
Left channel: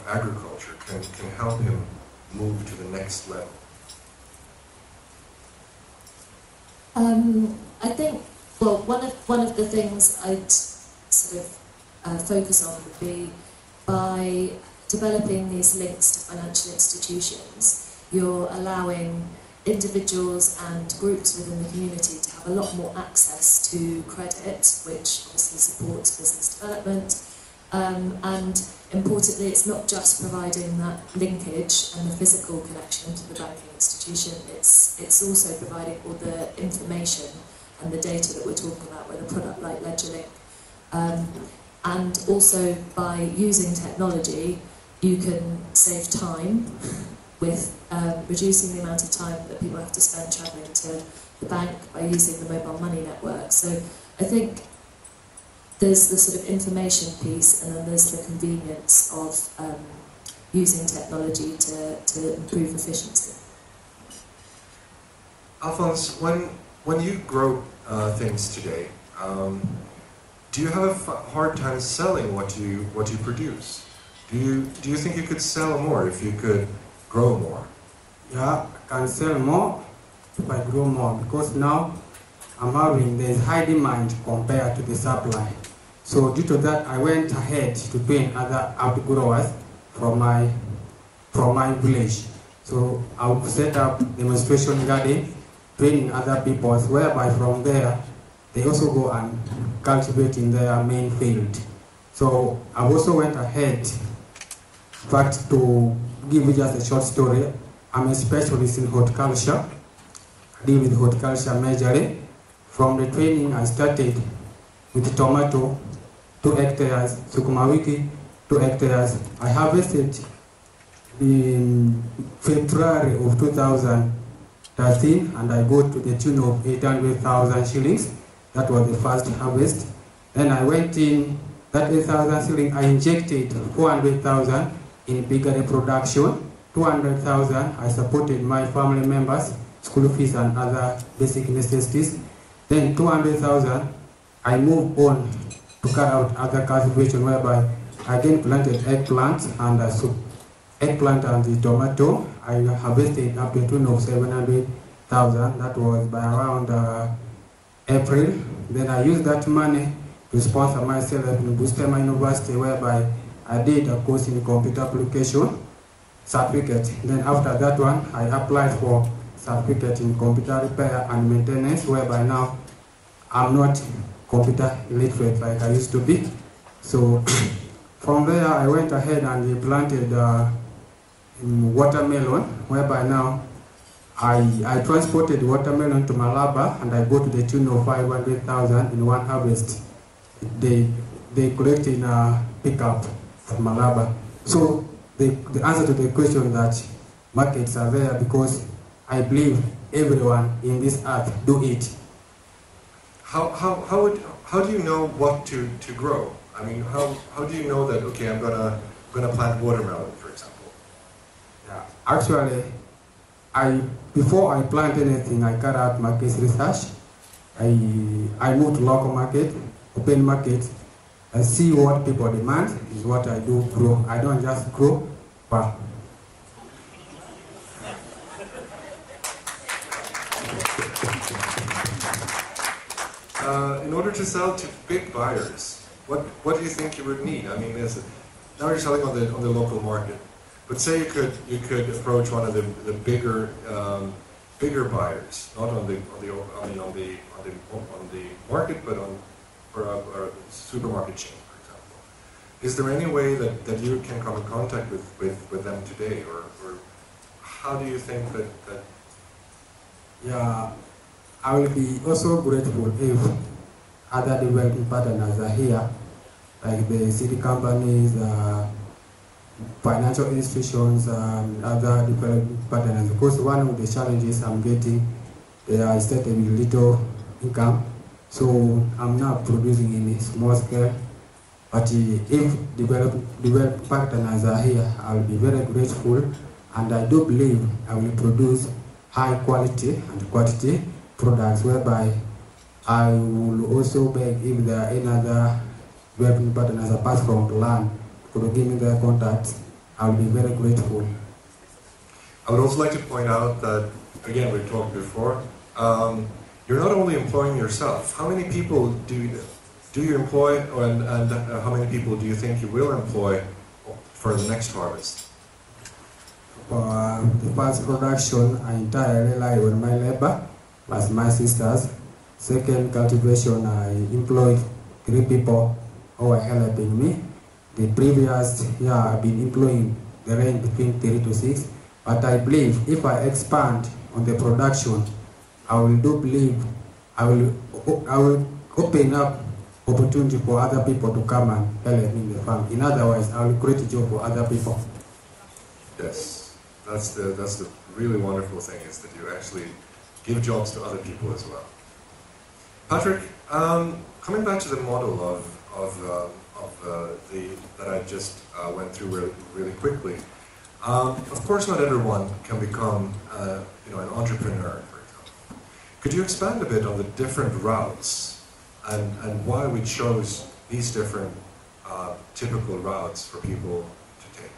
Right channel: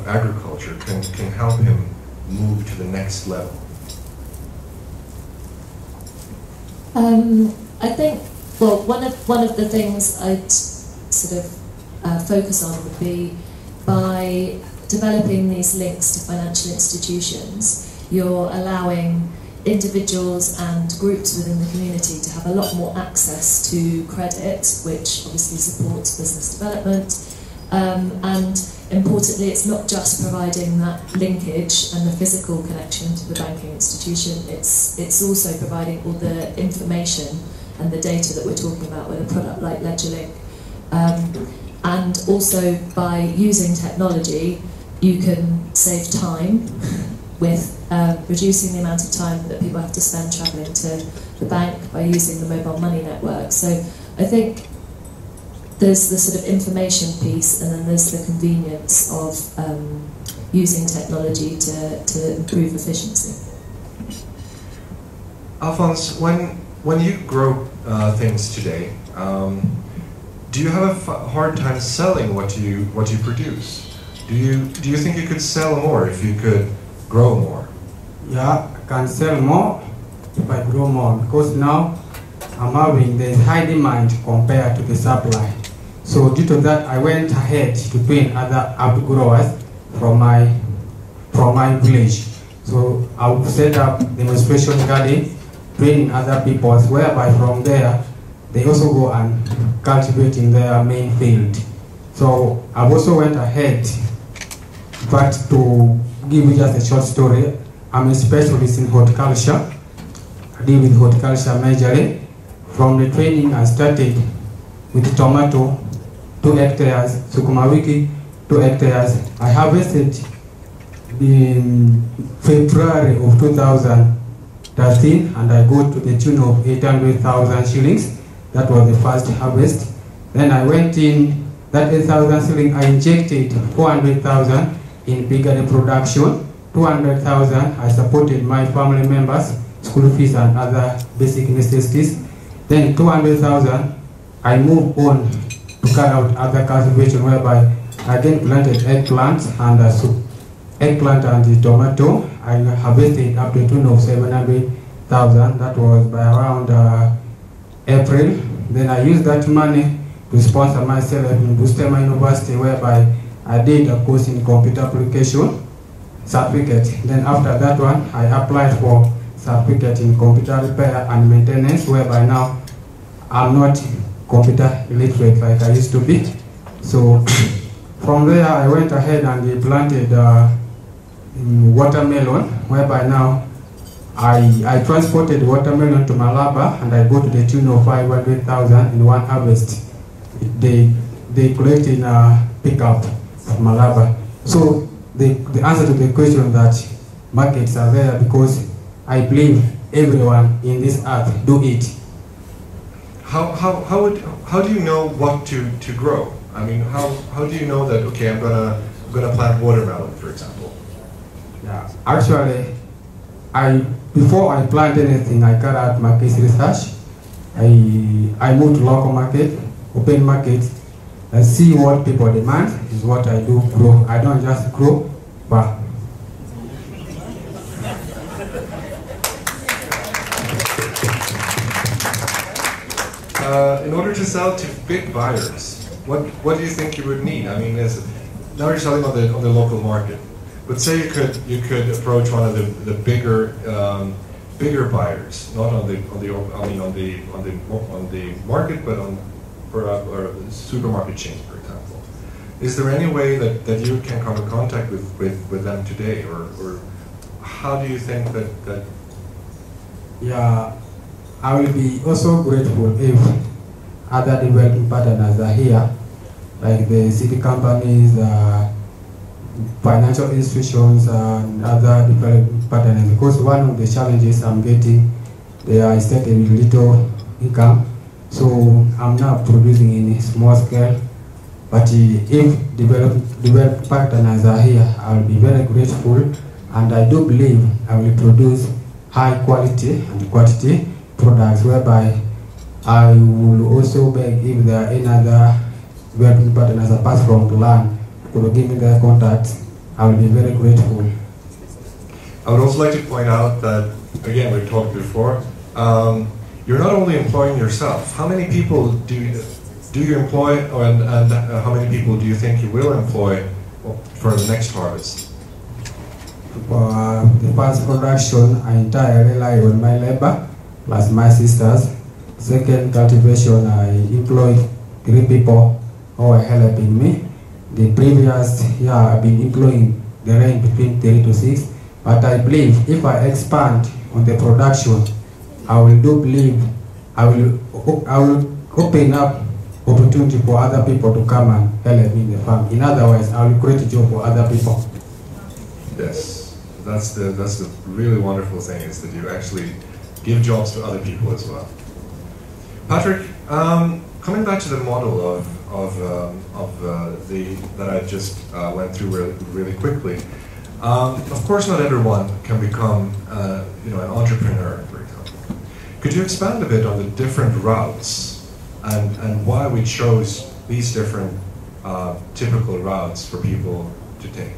agriculture can help him move to the next level? I think, well, one of the things I'd sort of focus on would be by developing these links to financial institutions, you're allowing individuals and groups within the community to have a lot more access to credit, which obviously supports business development. And importantly, it's not just providing that linkage and the physical connection to the banking institution, it's also providing all the information and the data that we're talking about with a product like LedgerLink. And also by using technology, you can save time with reducing the amount of time that people have to spend travelling to the bank by using the mobile money network. So I think there's the sort of information piece, and then there's the convenience of using technology to improve efficiency. Alphonse, when you grow things today, do you have a hard time selling what you produce? Do you think you could sell more if you could grow more? Yeah, I can sell more if I grow more, because now I'm having the high demand compared to the supply. So due to that, I went ahead to train other outgrowers from my village. So I would set up demonstration garden, training other people, whereby from there they also go and cultivate in their main field. So I've also went ahead, but to give you just a short story, I'm a specialist in horticulture. I deal with horticulture majorly. From the training I started with tomato, 2 hectares, sukuma wiki, 2 hectares. I harvested in February of 2013, and I got to the tune of 800,000 shillings. That was the first harvest. Then I went in, that 8,000 shillings, I injected 400,000 in bigger production. 200,000, I supported my family members, school fees and other basic necessities. Then 200,000, I moved on to carry out other cultivation, whereby I then planted eggplant and the tomato. I harvested up to the tune of 700,000. That was by around April. Then I used that money to sponsor myself in Bustema University, whereby I did a course in computer application certificate. Then after that one, I applied for certificate in computer repair and maintenance, whereby now I'm not computer illiterate like I used to be. So from there, I went ahead and planted watermelon, whereby now I transported watermelon to Malaba, and I got to the tune of 500,000 in one harvest. They collected in a pickup at Malaba. So the answer to the question that markets are there because I believe everyone in this earth do it. How do you know what to grow? I mean, how do you know that, okay, I'm gonna plant watermelon, for example? Yeah, actually, before I plant anything, I carry out market research. I move to local market, open market, and see what people demand is what I do grow. I don't just grow, but in order to sell to big buyers, what do you think you would need? I mean, now you're selling on the local market. Let's say you could approach one of the bigger buyers, not on the market, but for a supermarket chain, for example. Is there any way that you can come in contact with them today, or how do you think that? Yeah, I will be also grateful if other development partners are here, like the city companies, financial institutions, and other development partners. Because one of the challenges I'm getting, I set a little income, so I'm not producing in a small scale. But if development partners are here, I will be very grateful, and I do believe I will produce high quality and quantity products, whereby I will also beg if there are any other development partners apart from the land who will give me their contacts. I will be very grateful. I would also like to point out that, again, we talked before, you're not only employing yourself. How many people do you employ, and how many people do you think you will employ for the next harvest? For the first production, I entirely rely on my labor, plus my sisters. Second cultivation, I employed 3 people who are helping me. The previous year, I've been employing the range between 3 to 6. But I believe if I expand on the production, I will open up opportunity for other people to come and help me in the farm. In other words, I will create a job for other people. Yes, that's the really wonderful thing, is that you actually give jobs to other people as well. Patrick, coming back to the model that I just went through really quickly. Of course, not everyone can become an entrepreneur, for example. Could you expand a bit on the different routes and why we chose these different typical routes for people to take?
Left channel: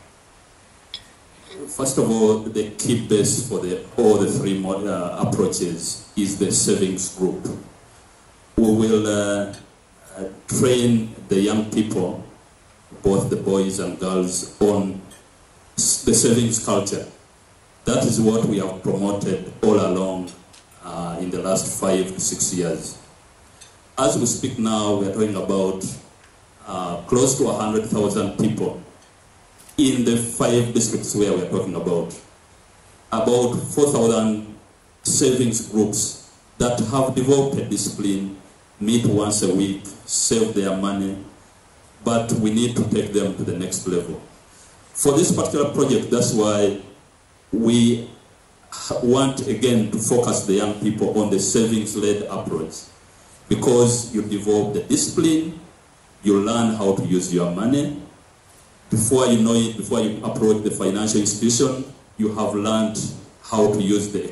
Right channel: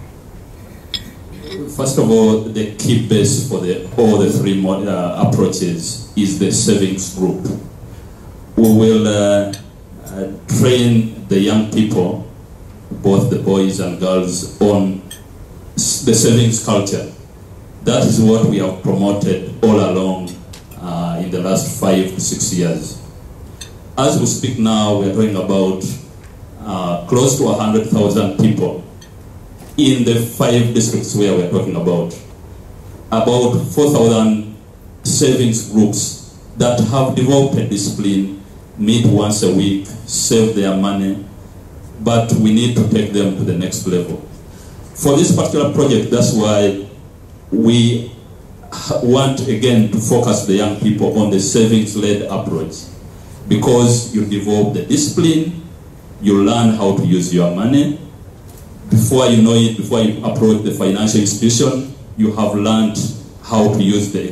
First of all, the key base for all the 3 approaches is the savings group. We will train the young people, both the boys and girls, on the savings culture. That is what we have promoted all along in the last 5 to 6 years. As we speak now, we are talking about close to 100,000 people in the 5 districts where we are talking about 4,000 savings groups that have developed a discipline, meet once a week, save their money, but we need to take them to the next level. For this particular project, that's why we want again to focus the young people on the savings-led approach, because you develop the discipline, you learn how to use your money. Before you know it, before you approach the financial institution, you have learned how to use the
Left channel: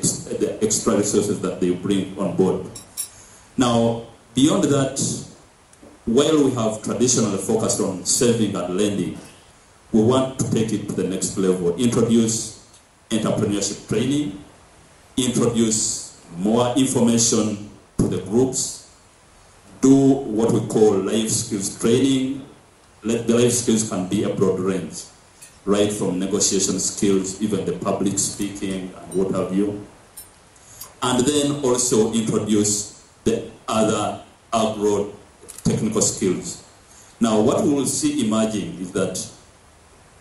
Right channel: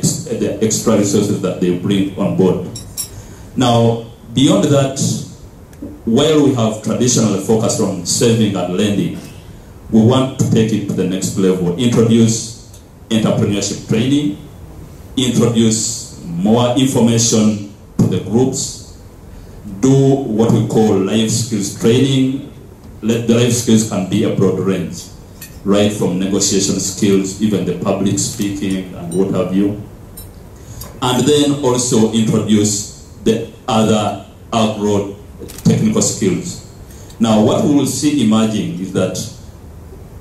extra resources that they bring on board. Now, beyond that, while we have traditionally focused on saving and lending, we want to take it to the next level, introduce entrepreneurship training, introduce more information to the groups, do what we call life skills training. Let the life skills can be a broad range, right from negotiation skills, even the public speaking and what have you. And then also introduce the other agro technical skills. Now what we will see emerging is that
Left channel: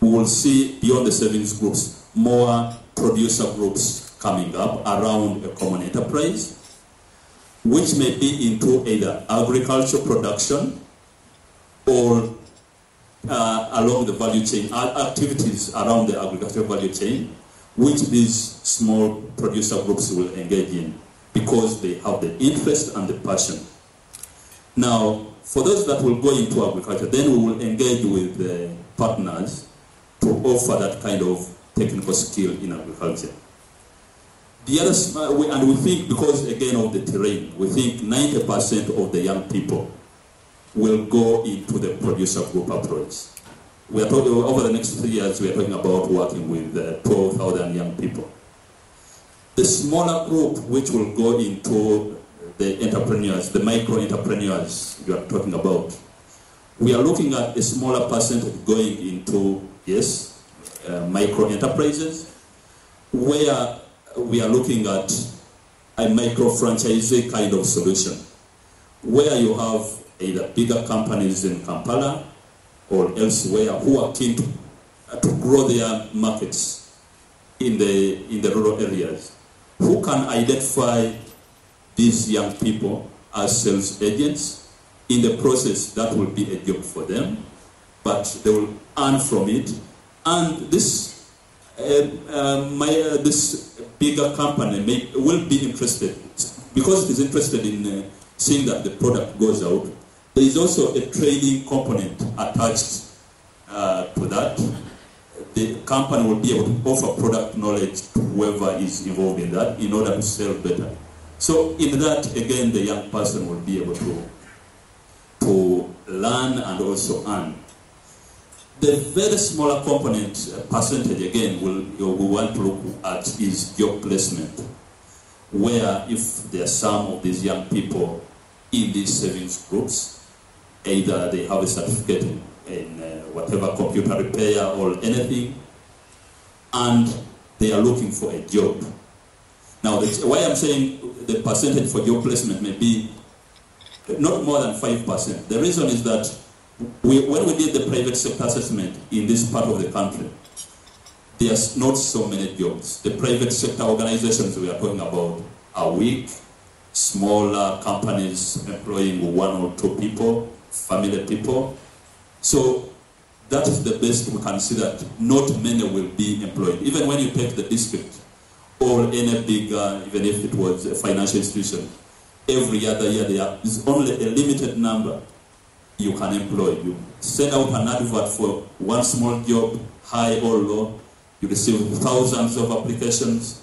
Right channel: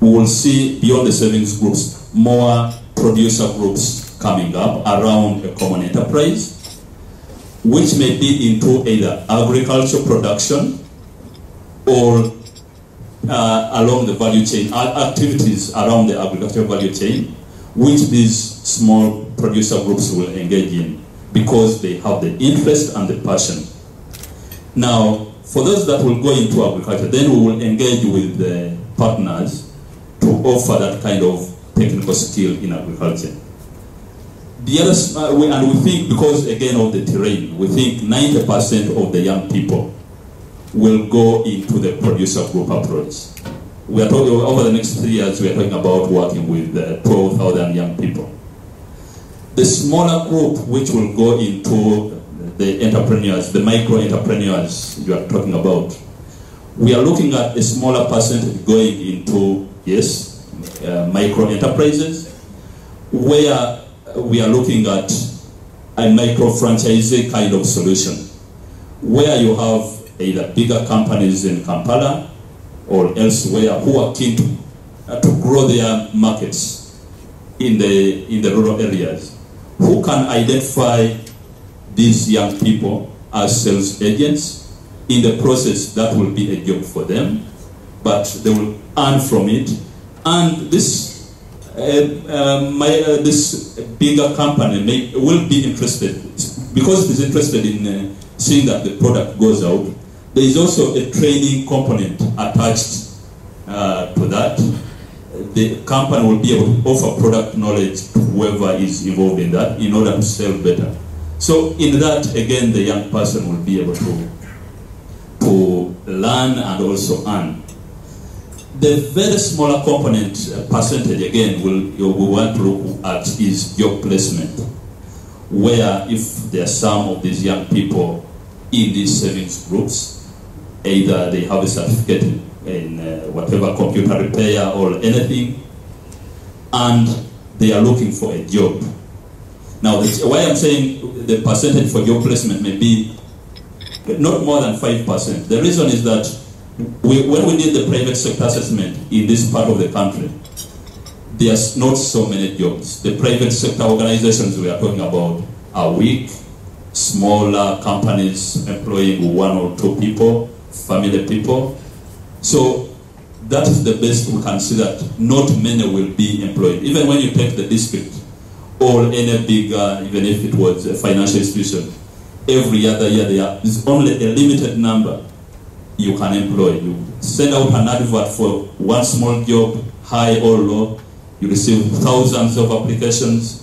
we will see beyond the savings groups more producer groups coming up around a common enterprise, which may be into either agricultural production or along the value chain, activities around the agricultural value chain, which these small producer groups will engage in because they have the interest and the passion. Now, for those that will go into agriculture, then we will engage with the partners to offer that kind of technical skill in agriculture. The other, and we think, because again of the terrain, we think 90% of the young people will go into the producer group approach. We are talking over the next 3 years, we are talking about working with 12,000 young people. The smaller group which will go into the entrepreneurs, the micro entrepreneurs we are talking about, we are looking at a smaller percentage going into, yes, micro enterprises, where we are looking at a micro franchisee kind of solution, where you have either bigger companies in Kampala or elsewhere who are keen to grow their markets in the rural areas, who can identify these young people as sales agents. In the process, that will be a job for them, but they will earn from it. And this this bigger company will be interested, because it's interested in seeing that the product goes out. There is also a training component attached to that. The company will be able to offer product knowledge to whoever is involved in that in order to sell better. So in that, again, the young person will be able to learn and also earn. The very smaller component percentage, again, we want to look at is job placement, where if there are some of these young people in these savings groups, either they have a certificate in whatever computer repair or anything, and they are looking for a job. Now, why I'm saying the percentage for job placement may be not more than 5%. The reason is that when we did the private sector assessment in this part of the country, there's not so many jobs. The private sector organizations we are talking about are weak, smaller companies employing 1 or 2 people, family people. So that's the best we can see, that not many will be employed. Even when you take the district or any big, even if it was a financial institution, every other year there is only a limited number you can employ. You send out an advert for one small job, high or low, you receive thousands of applications,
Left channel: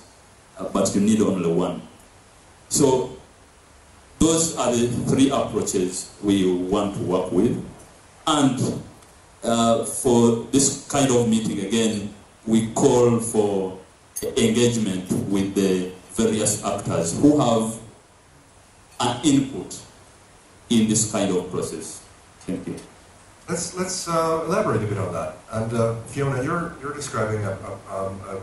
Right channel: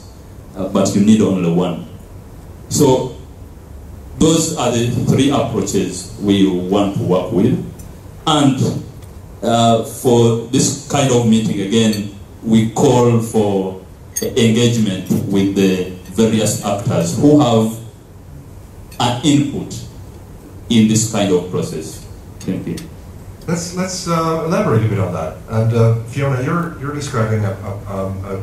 but you need only one. So those are the 3 approaches we want to work with. And for this kind of meeting, again, we call for engagement with the various actors who have an input in this kind of process. Thank you. Let's elaborate a bit on that. And Fiona, you're describing a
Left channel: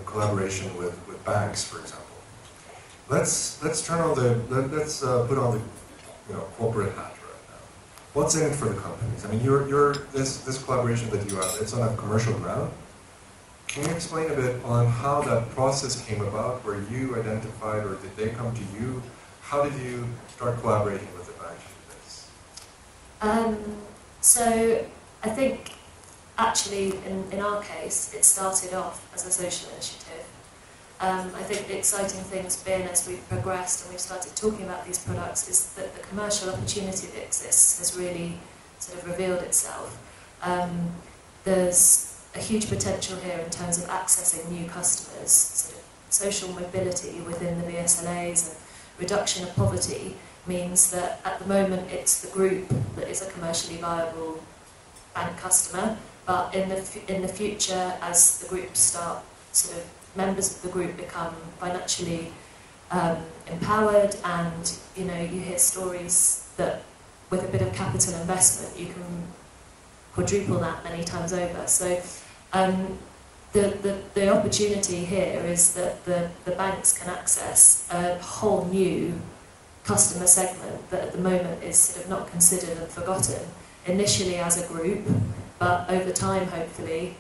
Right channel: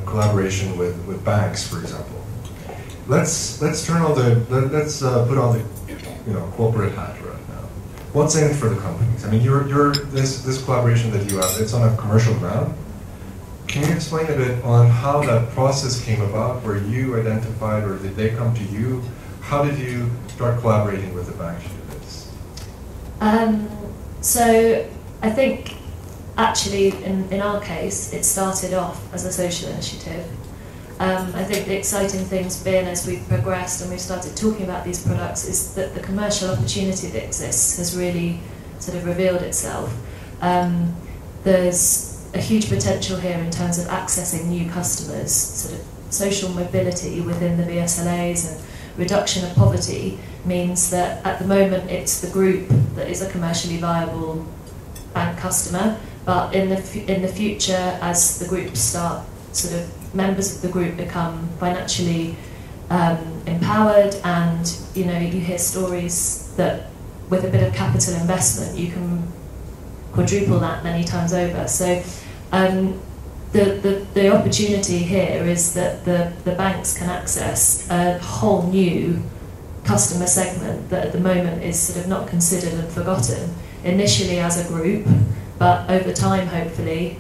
collaboration with banks, for example. Let's turn on let's put on the corporate hat right now. What's in it for the companies? I mean, this collaboration that you have, it's on a commercial ground. Can you explain a bit on how that process came about, where you identified, or did they come to you? How did you start collaborating with the bank to do this? So I think actually in our case it started off as a social initiative. I think the exciting thing's been, as we've progressed and we've started talking about these products, is that the commercial opportunity that exists has really sort of revealed itself. There's a huge potential here in terms of accessing new customers, sort of social mobility within the VSLAs, and reduction of poverty means that at the moment it's the group that is a commercially viable bank customer, but in the future, as the groups start, sort of members of the group become financially empowered, and you hear stories that with a bit of capital investment you can quadruple that many times over. So the opportunity here is that the banks can access a whole new customer segment that at the moment is sort of not considered and forgotten, initially as a group, but over time, hopefully,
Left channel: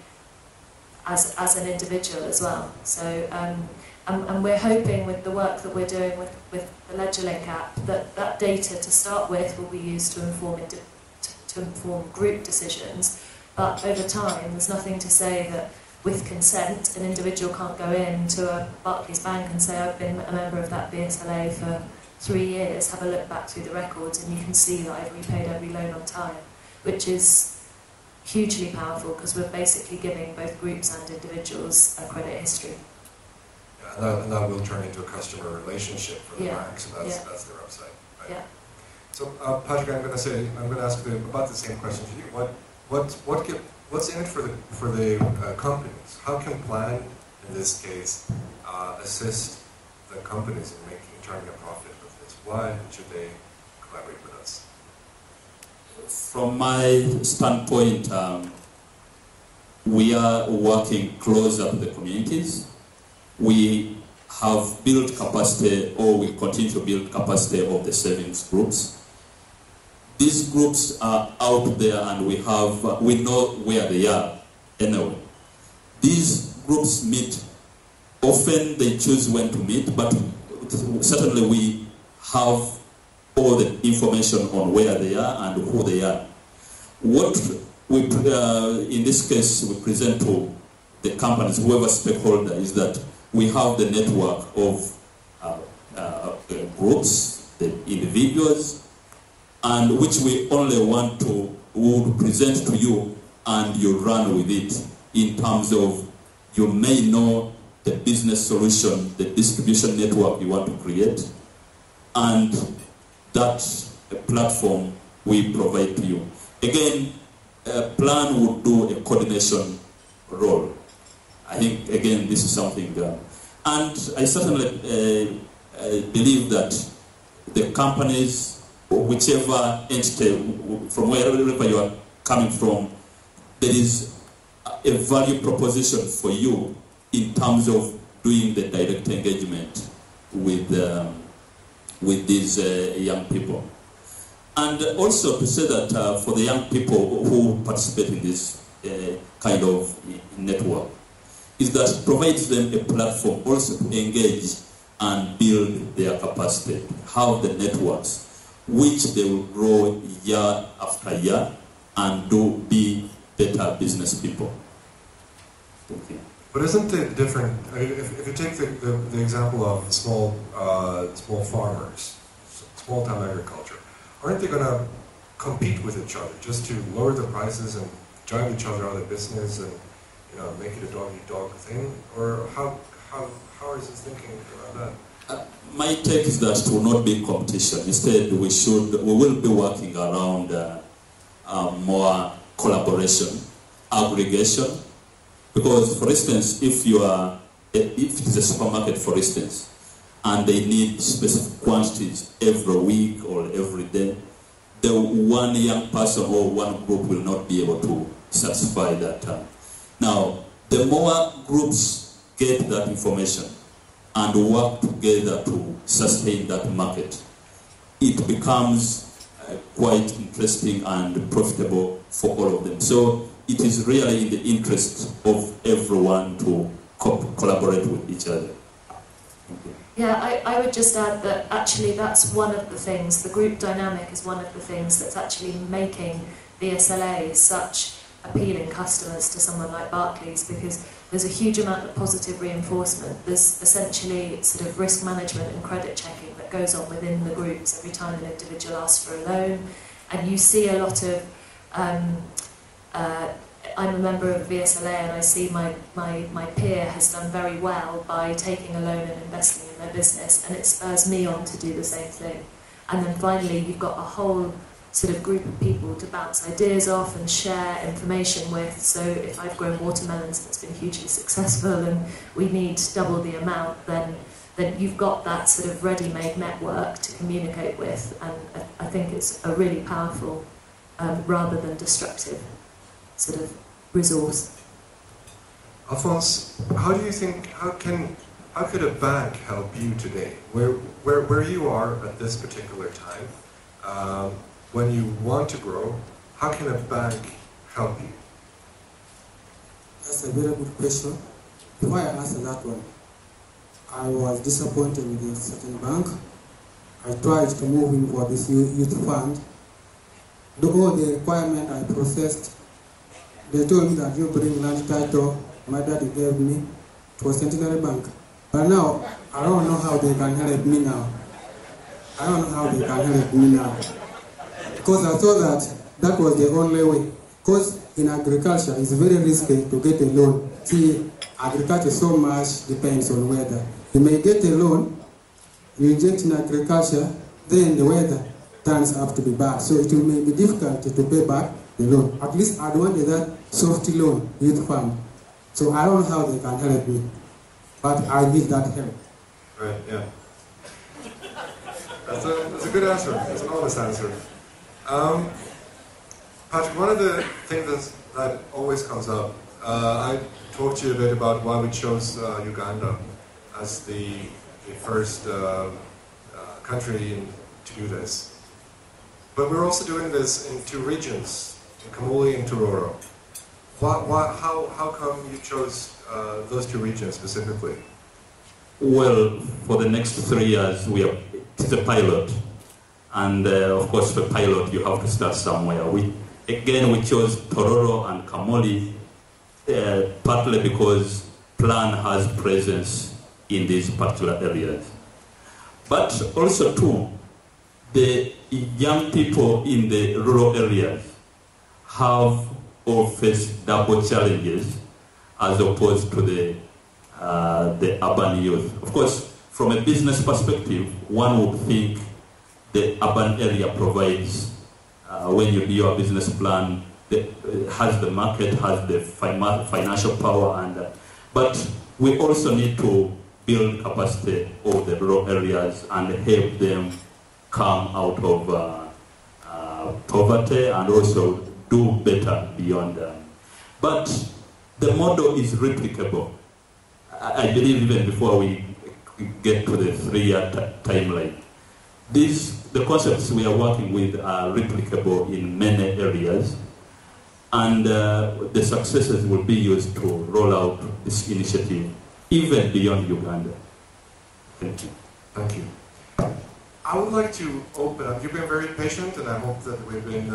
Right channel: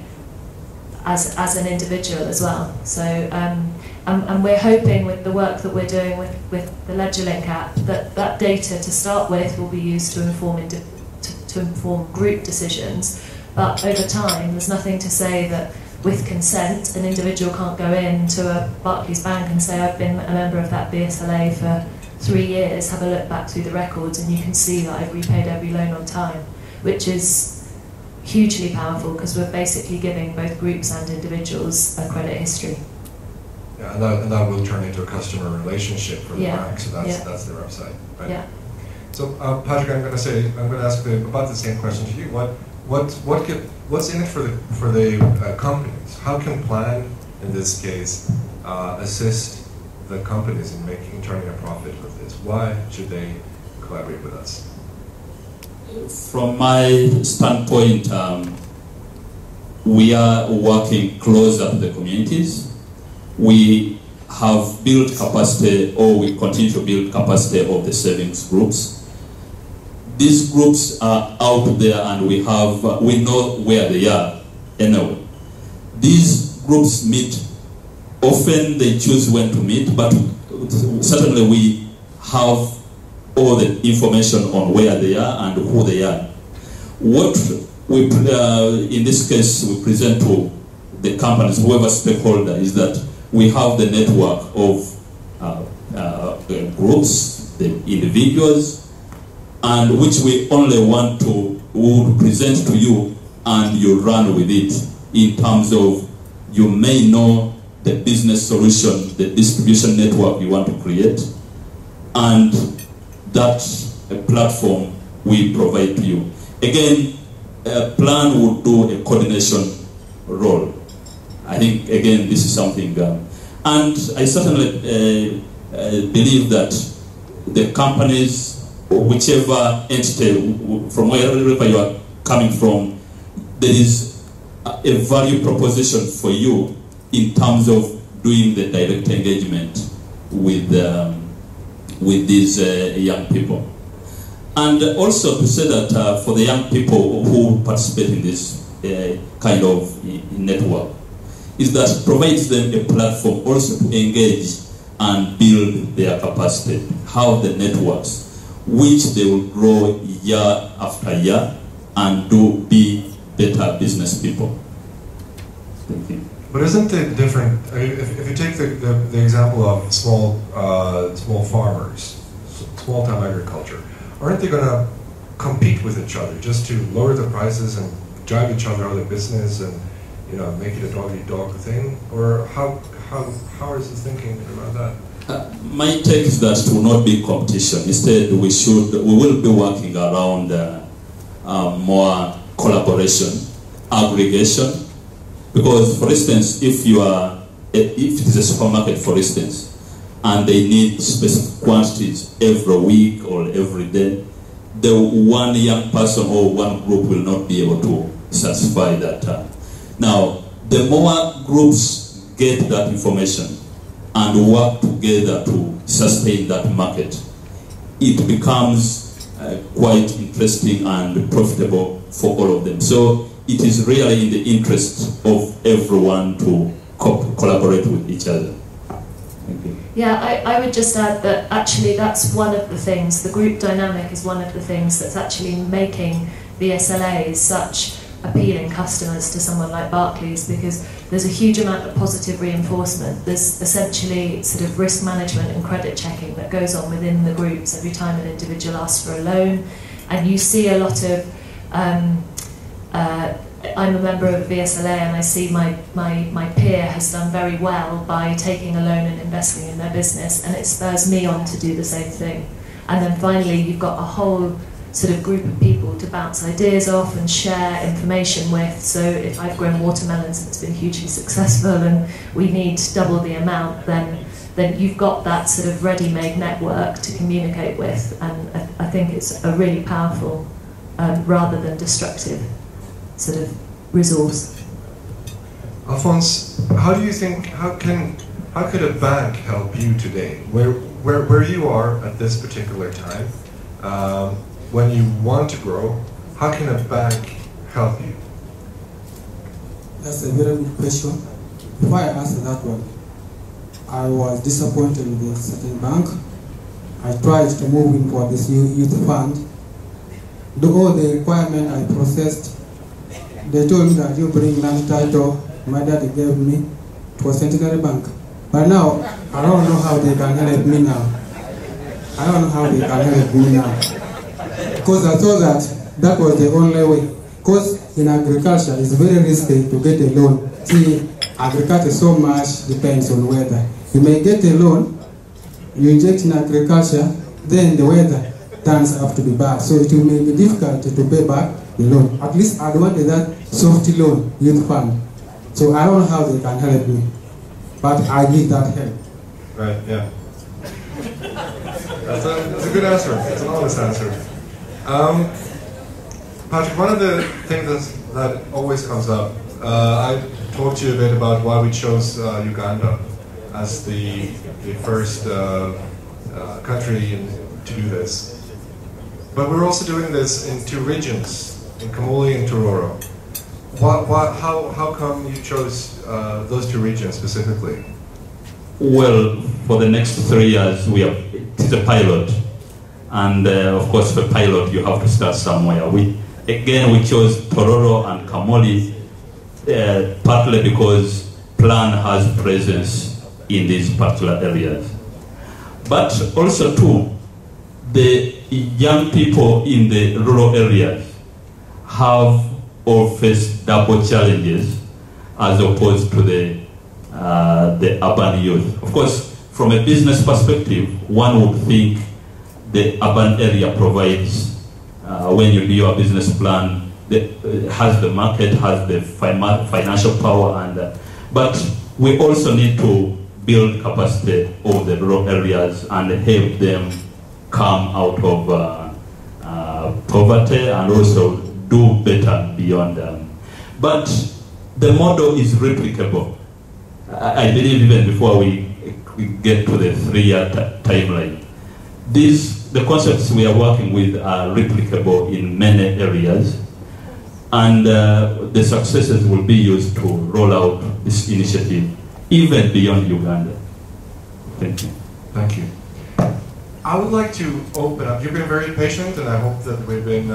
as an individual as well. So, and we're hoping with the work that we're doing with the LedgerLink app, that data to start with will be used to inform group decisions, But over time, there's nothing to say that with consent, an individual can't go into a Barclays bank and say, I've been a member of that BSLA for 3 years, have a look back through the records, and you can see that I've repaid every loan on time, which is hugely powerful because we're basically giving both groups and individuals a credit history. Yeah, and that will turn into a customer relationship for the bank, so that's their upside. Right? Yeah. So, Patrick, I'm going to ask about the same question to you. What's in it for the companies? How can Plan, in this case, assist the companies in turning a profit with this? Why should they collaborate with us? From my standpoint, we are working closer to the communities. We have built capacity, or we continue to build capacity of the savings groups. These groups are out there, and we know where they are anyway. These groups meet. Often they choose when to meet, but certainly we have all the information on where they are and who they are. What we, in this case, we present to the companies, whoever stakeholder, is that we have the network of the groups, the individuals, and which we only want to present to you, and you run with it in terms of you may know the business solution, the distribution network we want to create, and that platform we provide to you. Again, Plan will do a coordination role. I think, again, this is something, and I certainly believe that the companies, whichever entity, from wherever you are coming from, there is a value proposition for you in terms of doing the direct engagement with these young people. And also to say that for the young people who participate in this kind of network, is that provides them a platform also to engage and build their capacity, have the networks, which they will grow year after year and be better business people. Thank you. But isn't it different? I mean, if you take the example of small farmers, small-time agriculture, aren't they going to compete with each other just to lower the prices and drive each other out of business and make it a dog-eat-dog thing? Or how is he thinking about that? My take is that it will not be competition. Instead, we will be working around more collaboration, aggregation. Because, for instance, if it's a supermarket, for instance, and they need specific quantities every week or every day, the one young person or one group will not be able to satisfy that. Now, the more groups get that information and work together to sustain that market, it becomes quite interesting and profitable for all of them. So it is really in the interest of everyone to collaborate with each other. Yeah, I would just add that actually that's one of the things, the group dynamic is one of the things that's actually making BSLA such appealing customers to someone like Barclays, because there's a huge amount of positive reinforcement. There's essentially sort of risk management and credit checking that goes on within the groups every time an individual asks for a loan, and you see a lot of I'm a member of BSLA and I see my peer has done very well by taking a loan and investing in their business, and it spurs me on to do the same thing. And then finally you've got a whole sort of group of people to bounce ideas off and share information with. So if I've grown watermelons and it's been hugely successful and we need double the amount, then you've got that sort of ready-made network to communicate with, and I think it's a really powerful rather than destructive sort of resource. Alphonse, how do you think, how could a bank help you today? Where you are at this particular time, when you want to grow, how can a bank help you? That's a very good question. Before I answer that one, I was disappointed with the existing bank. I tried to move in for this new youth fund. Do all the requirements I processed, they told me that you bring land title, my daddy gave me for Centenary Bank. But now, I don't know how they can help me now. I don't know how they can help me now. Because I thought that was the only way. Because in agriculture, it's very risky to get a loan. See, agriculture so much depends on weather. You may get a loan, you inject in agriculture, then the weather turns out to be bad. So it will be difficult to pay back the loan. At least I wanted that soft loan youth fund. So I don't know how they can help me. But I need that help. Right, yeah. That's a good answer. It's an honest answer. Patrick, one of the things that always comes up, I told you a bit about why we chose Uganda as the first country to do this. But we're also doing this in 2 regions, in Kampala and Tororo. How come you chose those 2 regions specifically? Well, for the next 3 years, it's a pilot. And of course, for pilot, you have to start somewhere. We chose Tororo and Kamoli partly because Plan has presence in these particular areas. But also, too, the young people in the rural areas have or face double challenges as opposed to the urban youth. Of course, from a business perspective, one would think the urban area provides, when you do your business plan, has the market, has the financial power, but we also need to build capacity of the rural areas and help them come out of poverty and also do better beyond them. But the model is replicable. I believe even before we get to the 3-year timeline, the concepts we are working with are replicable in many areas, and the successes will be used to roll out this initiative even beyond Uganda. Thank you. Thank you. I would like to open up. You've been very patient, and I hope that we've been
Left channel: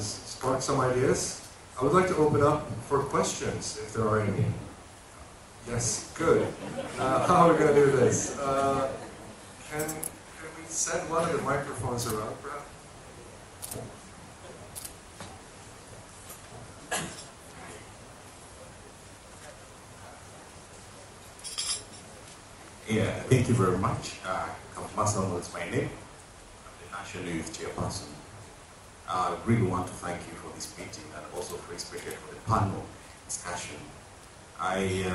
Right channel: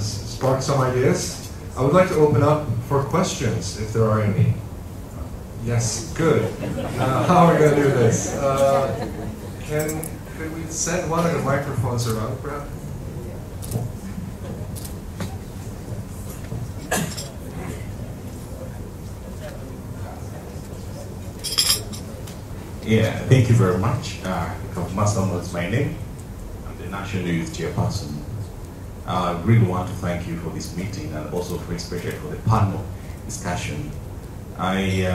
sparked some ideas. I would like to open up for questions, if there are any. Yes, good. How are we going to do this? Could we set one of the microphones around, perhaps? Yeah, thank you very much. Dr. Mason, what's my name? I'm the National Youth Chairperson. I really want to thank you for this meeting and also especially for the panel discussion. I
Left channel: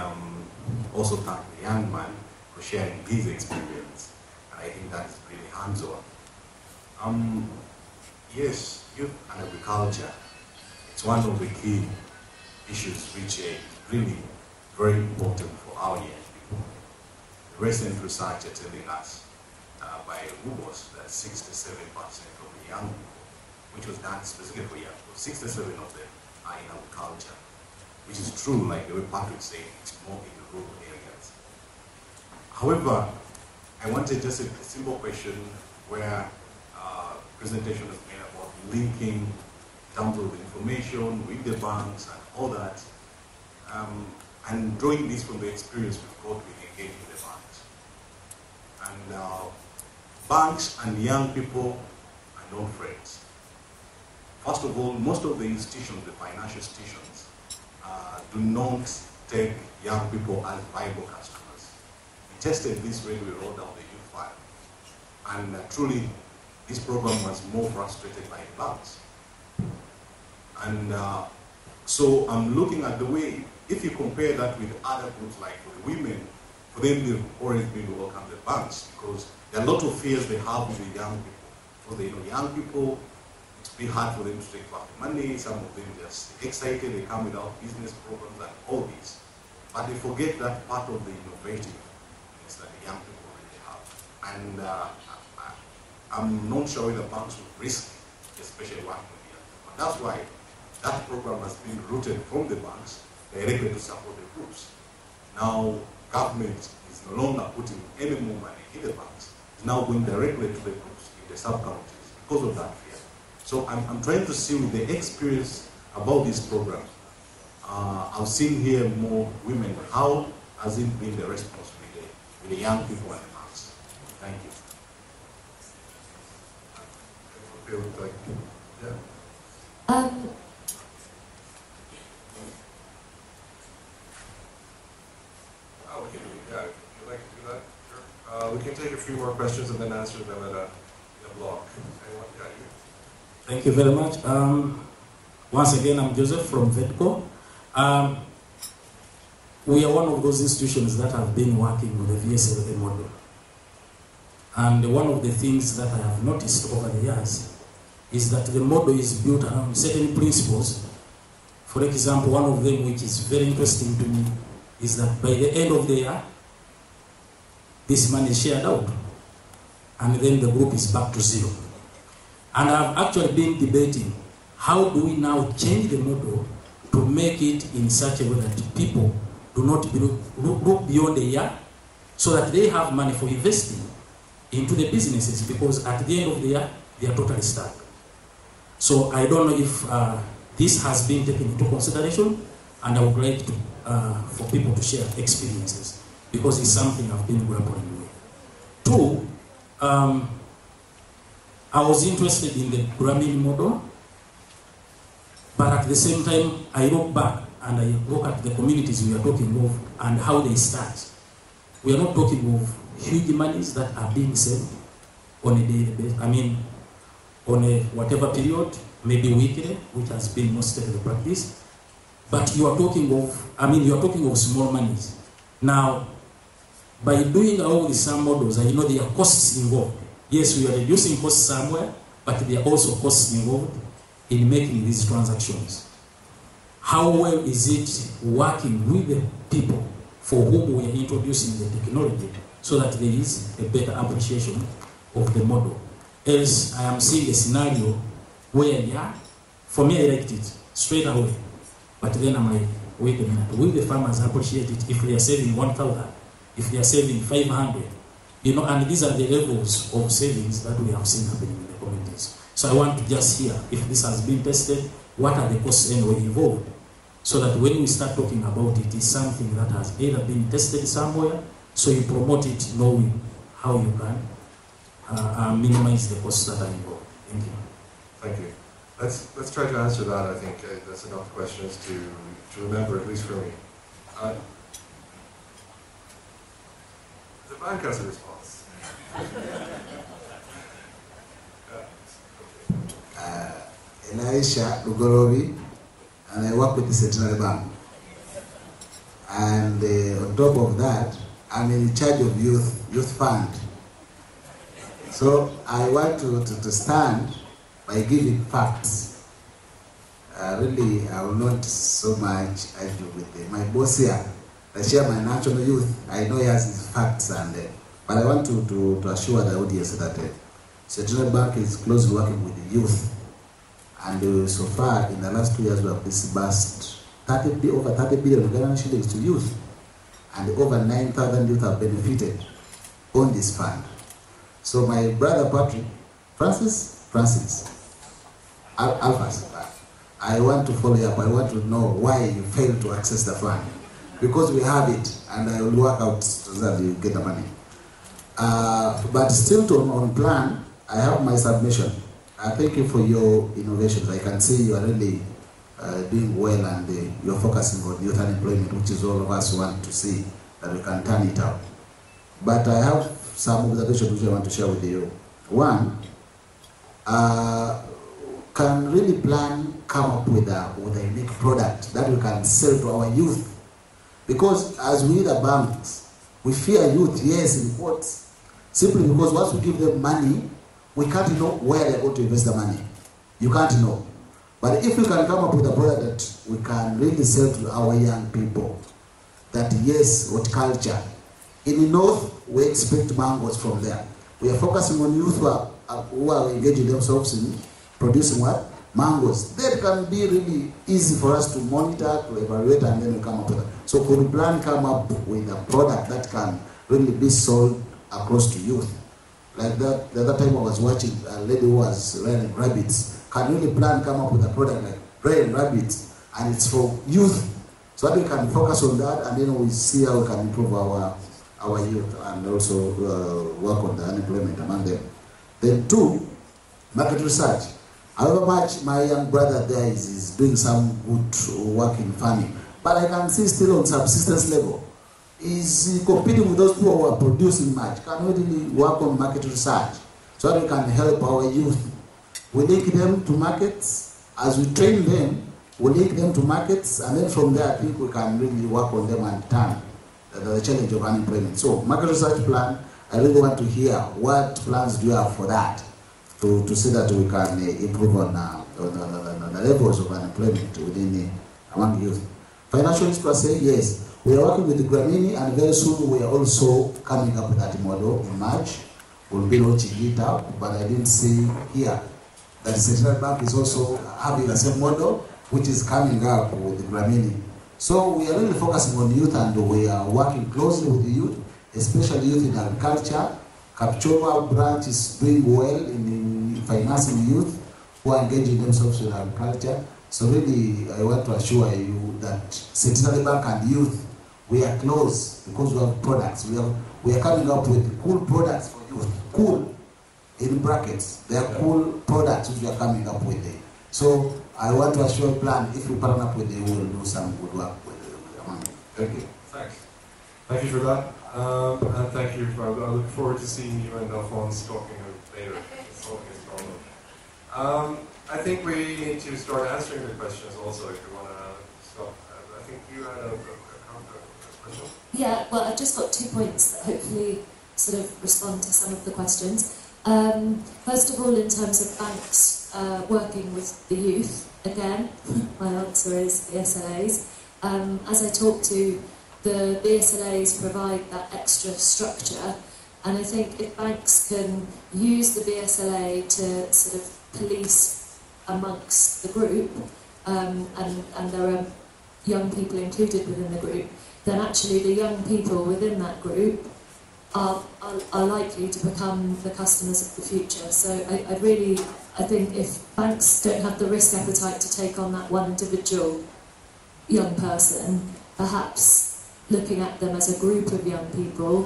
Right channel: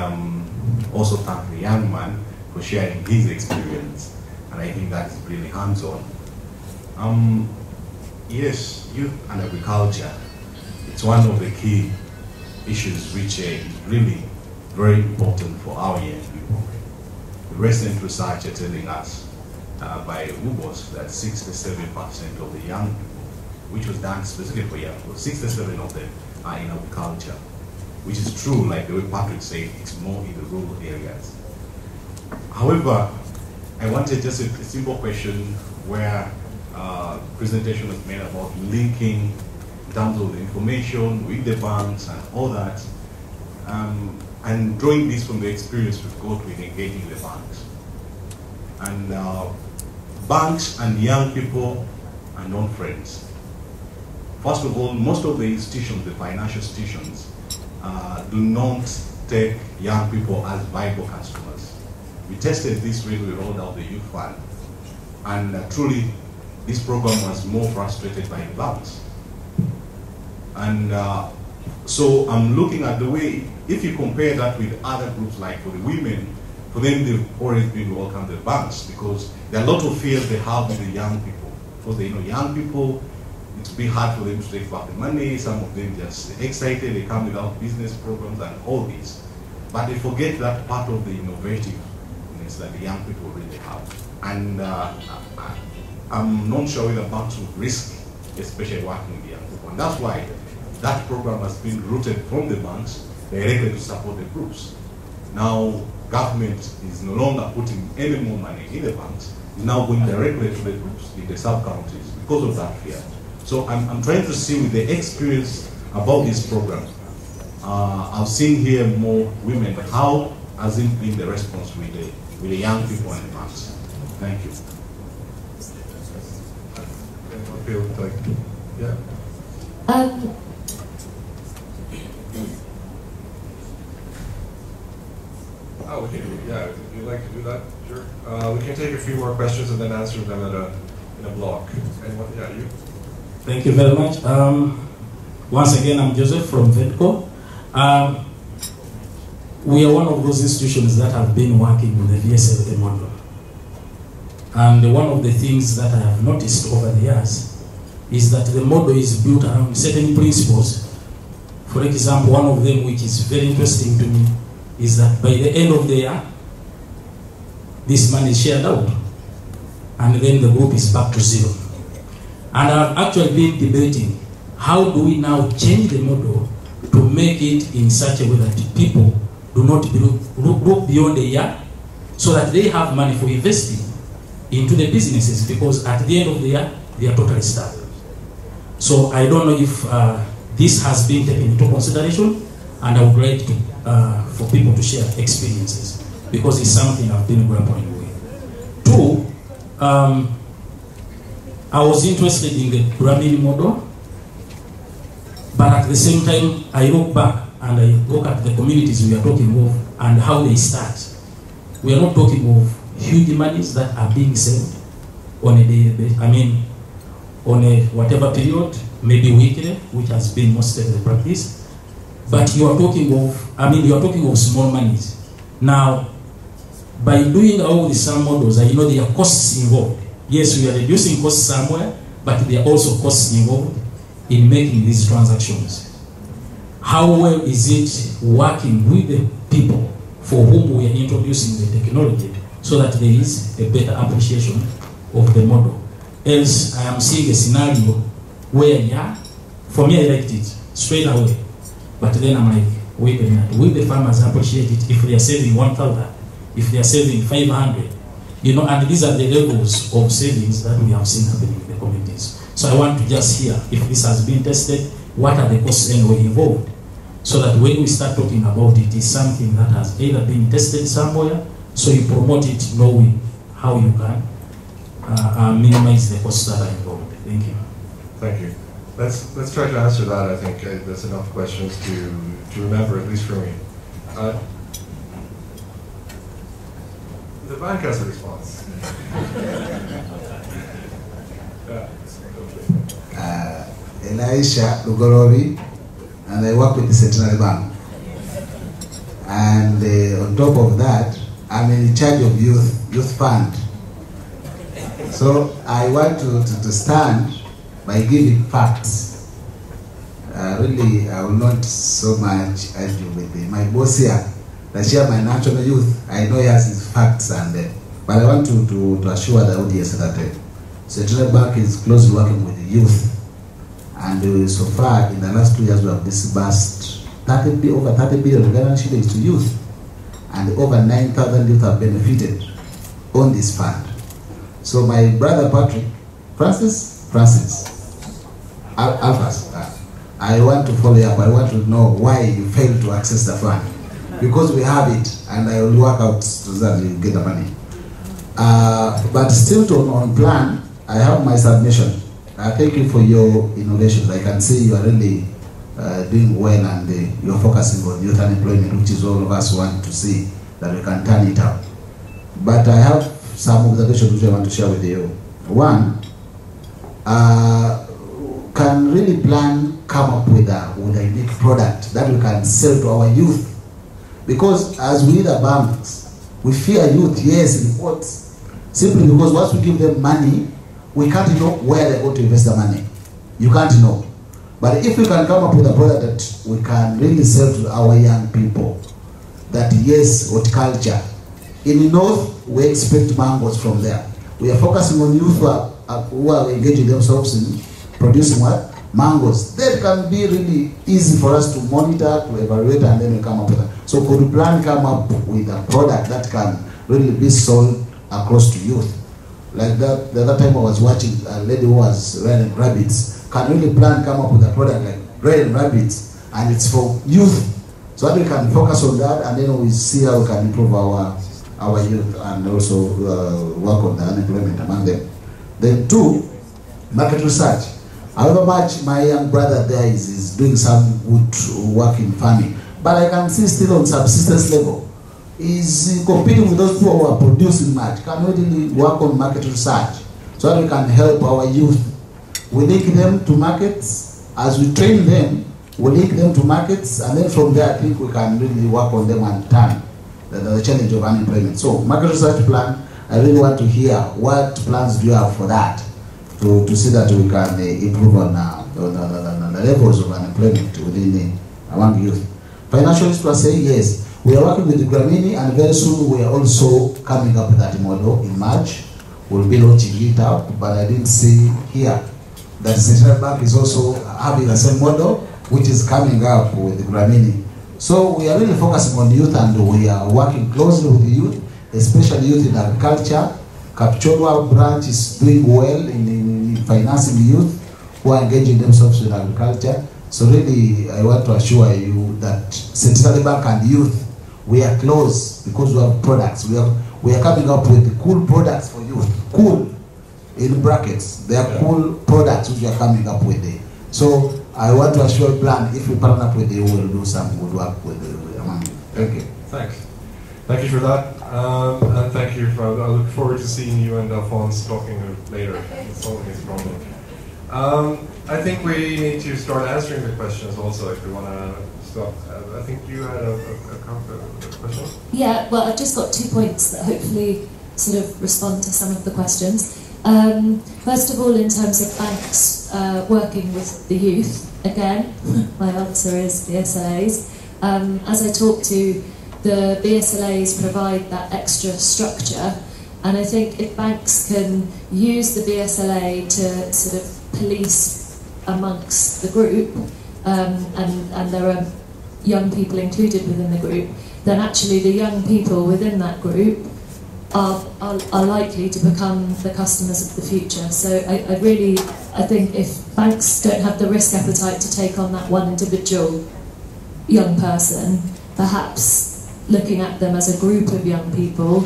also thank the young man for sharing his experience, and I think that's really hands-on. Yes, youth and agriculture, it's one of the key issues which is really very important for our young people. The recent research is telling us by UBOS that 67% of the young people, which was done specifically here, 67% of them are in agriculture, which is true, like the way Patrick said, it's more in the rural areas. However, I wanted just a simple question where presentation was made about linking in terms of information with the banks and all that, and drawing this from the experience we've got with engaging the banks. And banks and young people are not friends. First of all, most of the institutions, the financial institutions, do not take young people as viable customers. We tested this when we rolled out the youth fund, and truly, this program was more frustrated by the banks. And so I'm looking at the way, if you compare that with other groups like for the women, for them they've always been welcome the banks because there are a lot of fears they have with the young people. Because they know young people, it's been hard for them to take back the money, some of them just excited, they come without business programs and all this. But they forget that part of the innovativeness that the young people really have. And I'm not sure whether banks would risk, especially working with young people. And that's why that program has been rooted from the banks, directly to support the groups. Now, government is no longer putting any more money in the banks, it's now going directly to the groups in the sub-counties because of that fear. So I'm trying to see with the experience about this program. I've seen here more women. How has it been the response with the young people and the moms? Thank you. Okay, yeah. Okay, yeah, would you like to do that? Sure. We can take a few more questions and then answer them in a block. Anyone? Yeah, you. Thank you very much. Once again, I'm Joseph from VETCO. We are one of those institutions that have been working with the VSA model. And one of the things that I have noticed over the years is that the model is built around certain principles. For example, one of them which is very interesting to me is that by the end of the year, this money is shared out, and then the group is back to zero. And I've actually been debating, how do we now change the model to make it in such a way that people do not look beyond a year, so that they have money for investing into the businesses, because at the end of the year, they are totally starved. So I don't know if this has been taken into consideration, and I would like to, for people to share experiences, because it's something I've been grappling with. Two, I was interested in the branding model, but at the same time, I look back and I look at the communities we are talking of and how they start. We are not talking of huge monies that are being saved on on a whatever period, maybe weekly, which has been most of the practice. But you are talking of, small monies. Now, by doing all these models, I know there are costs involved. Yes, we are reducing costs somewhere, but there are also costs involved in making these transactions. How well is it working with the people for whom we are introducing the technology, so that there is a better appreciation of the model? Else, I am seeing a scenario where, yeah, for me I liked it straight away, but then I'm like, wait a minute, will the farmers appreciate it if they are saving 1,000, if they are saving 500? And these are the levels of savings that we have seen happening in the communities. So I want to just hear if this has been tested, what are the costs involved, so that when we start talking about it, it's something that has either been tested somewhere, so you promote it knowing how you can minimize the costs that are involved. Thank you. Thank you. Let's try to answer that. I think that's enough questions to remember, at least for me. The back has a response. Elisha Ugorobi, and I work with the Central Bank. And on top of that, I'm in charge of youth fund. So I want to stand by giving facts. Really, I will not so much argue with my boss here, the chairman national youth. I know he has his facts, but I want to assure the audience that Central Bank is closely working with the youth. And so far, in the last 2 years, we have disbursed over 30 billion shillings to youth, and over 9,000 youth have benefited on this fund. So my brother Patrick, Francis, I want to follow up. I want to know why you failed to access the fund, because we have it, and I will work out so that you get the money. But still on plan, I have my submission. Thank you for your innovations. I can see you are really doing well, and you are focusing on youth unemployment, which is all of us want to see that we can turn it out. But I have some observations which I want to share with you. One, can really plan come up with a unique product that we can sell to our youth? Because as we the banks, we fear youth, yes, in quotes, simply because once we give them money, we can't know where they're going to invest the money. You can't know. But if we can come up with a product that we can really sell to our young people, that yes, horticulture. In the north, we expect mangoes from there. We are focusing on youth who are engaging themselves in producing what? Mangoes. That can be really easy for us to monitor, to evaluate, and then we come up with that. So could we plan come up with a product that can really be sold across to youth? Like that, the other time I was watching a lady who was running rabbits. Can really plan come up with a product like growing rabbits, and it's for youth. So that we can focus on that, and then we see how we can improve our youth and also work on the unemployment among them. Then two, market research. However much my young brother there is doing some good work in farming, but I can see still on subsistence level, is competing with those people who are producing much, cannot really work on market research, so that we can help our youth. We link them to markets, as we train them, we link them to markets, and then from there I think we can really work on them and turn the challenge of unemployment. So market research plan, I really want to hear what plans do you have for that, to see that we can improve on the levels of unemployment within among youth. Financial literacy, yes. We are working with Gramini, and very soon we are also coming up with that model in March. We'll be launching it up, but I didn't see here that Central Bank is also having the same model, which is coming up with Gramini. So we are really focusing on youth, and we are working closely with the youth, especially youth in agriculture. Kapchorwa branch is doing well in financing youth who are engaging themselves in agriculture. So really, I want to assure you that Central Bank and youth, we are close because we have products. We are coming up with cool products for youth. Cool, in brackets. They are cool products which we are coming up with. So I want to assure you, plan, if you partner up with them, we will do some good work with them. Thank you. Thanks. Thank you for that. And thank you for that. I look forward to seeing you and Alphonse talking later. It's solving this problem. I think we need to start answering the questions also if we want to stop. I think you had a question? Yeah, well, I've just got 2 points that hopefully sort of respond to some of the questions. First of all, in terms of banks working with the youth, again, my answer is BSLAs. As I talked to, the BSLAs provide that extra structure, and I think if banks can use the BSLA to sort of police amongst the group, and there are young people included within the group, then actually the young people within that group are likely to become the customers of the future. So I think if banks don't have the risk appetite to take on that one individual young person, perhaps looking at them as a group of young people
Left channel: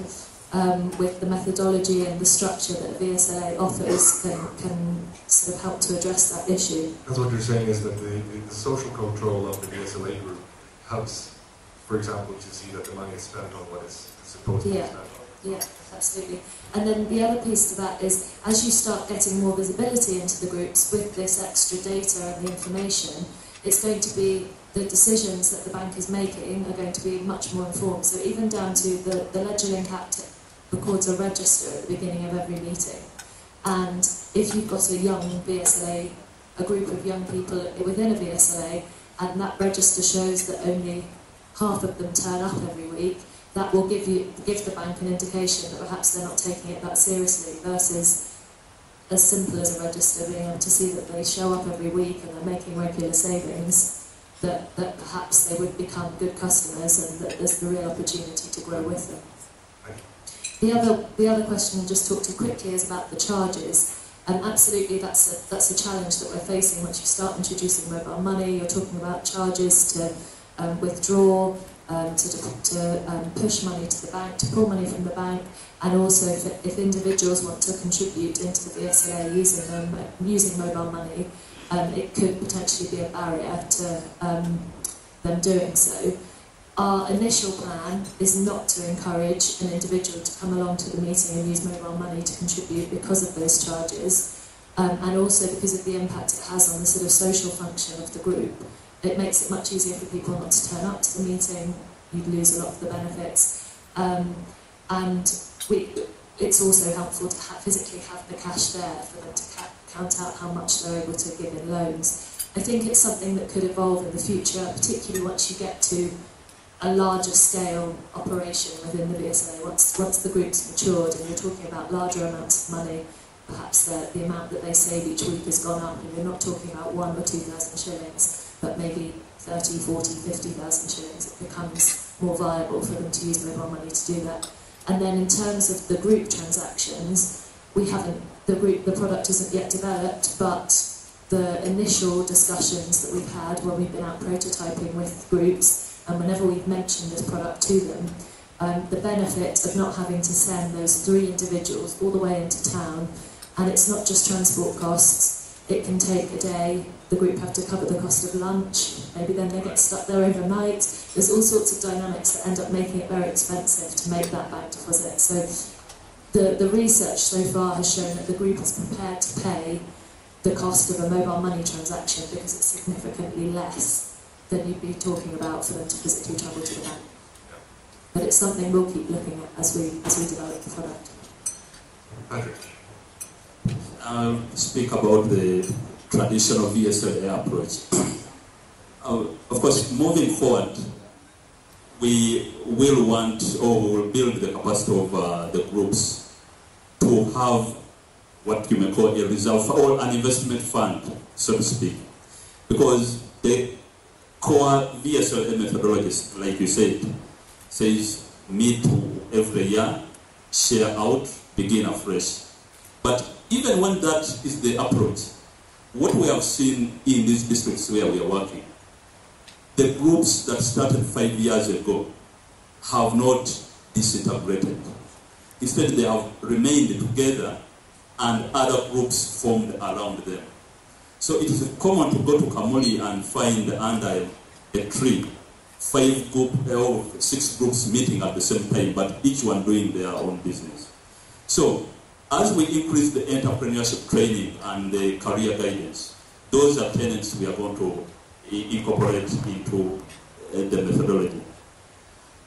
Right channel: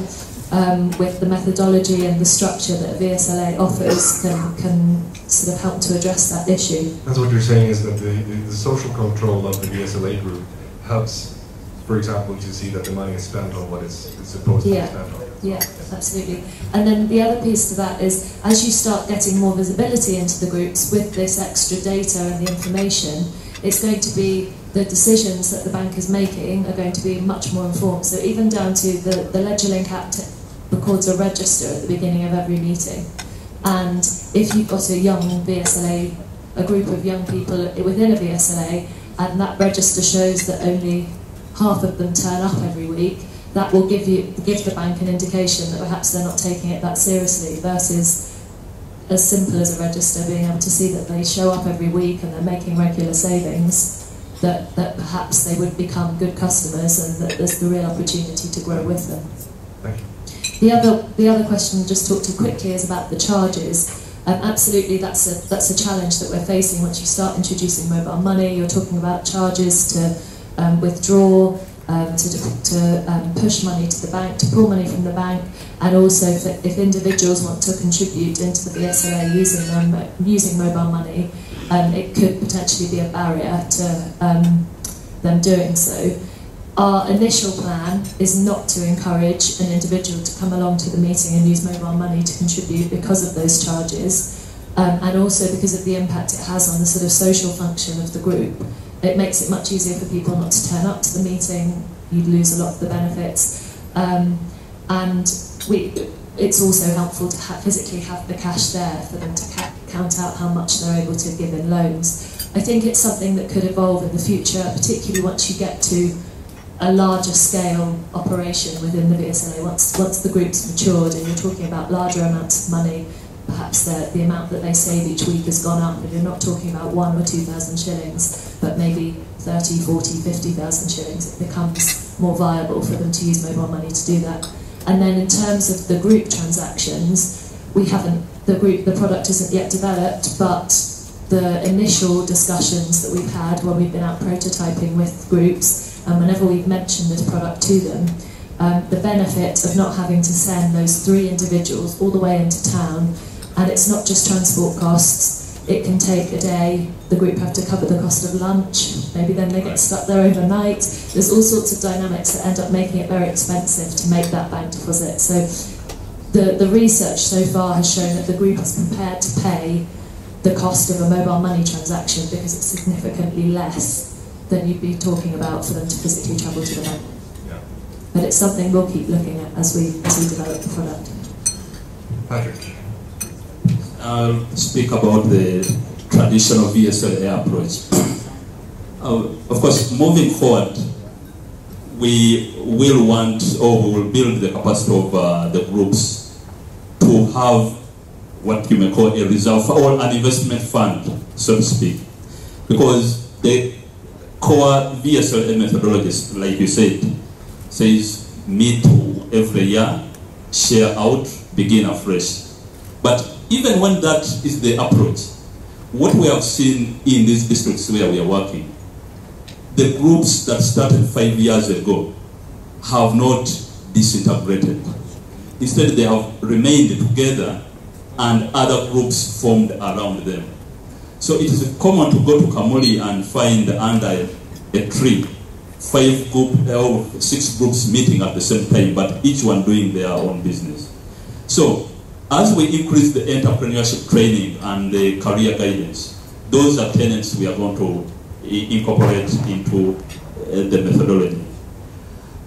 with the methodology and the structure that VSLA offers can sort of help to address that issue. That's what you're saying, is that the social control of the VSLA group helps, for example, to see that the money is spent on what it's supposed to be spent on. Yeah, absolutely. And then the other piece to that is, as you start getting more visibility into the groups with this extra data and the information, it's going to be the decisions that the bank is making are going to be much more informed. So even down to the LedgerLink app records a register at the beginning of every meeting. And if you've got a young VSLA, a group of young people within a VSLA, and that register shows that only half of them turn up every week, that will give the bank an indication that perhaps they're not taking it that seriously, versus as simple as a register, being able to see that they show up every week and they're making regular savings, that perhaps they would become good customers and that there's the real opportunity to grow with them. Thank you. The other question I'll just talk to quickly is about the charges. Absolutely, that's a challenge that we're facing once you start introducing mobile money. You're talking about charges to withdraw, to push money to the bank, to pull money from the bank, and also if individuals want to contribute into the VSLA using mobile money, it could potentially be a barrier to them doing so. Our initial plan is not to encourage an individual to come along to the meeting and use mobile money to contribute because of those charges, and also because of the impact it has on the sort of social function of the group. It makes it much easier for people not to turn up to the meeting. You lose a lot of the benefits, and it's also helpful to physically have the cash there for them to count out how much they're able to give in loans. I think it's something that could evolve in the future, particularly once you get to a larger scale operation within the VSLA. Once the group's matured and you're talking about larger amounts of money, perhaps the amount that they save each week has gone up, and you're not talking about 1,000 or 2,000 shillings, but maybe 30, 40, 50,000 shillings. It becomes more viable for them to use mobile money to do that. And then in terms of the group transactions, the product isn't yet developed, but the initial discussions that we've had when we've been out prototyping with groups, and whenever we've mentioned this product to them, the benefit of not having to send those 3 individuals all the way into town, and it's not just transport costs. It can take a day, the group have to cover the cost of lunch, maybe then they get stuck there overnight. There's all sorts of dynamics that end up making it very expensive to make that bank deposit. So the research so far has shown that the group is prepared to pay the cost of a mobile money transaction because it's significantly less than you'd be talking about for them to physically travel to the bank. Yeah. But it's something we'll keep looking at as we develop the product. Patrick. Speak about the traditional VSLA approach. Of course, moving forward, we will want, or we will build the capacity of the groups to have what you may call a reserve or an investment fund, so to speak. Because the core VSLA methodologies, like you said, says meet every year, share out, begin afresh. But even when that is the approach, what we have seen in these districts where we are working, the groups that started 5 years ago have not disintegrated. Instead, they have remained together and other groups formed around them. So it is common to go to Kamuli and find under a tree 5 groups or 6 groups meeting at the same time, but each one doing their own business. So as we increase the entrepreneurship training and the career guidance, those are tenets we are going to incorporate into the methodology.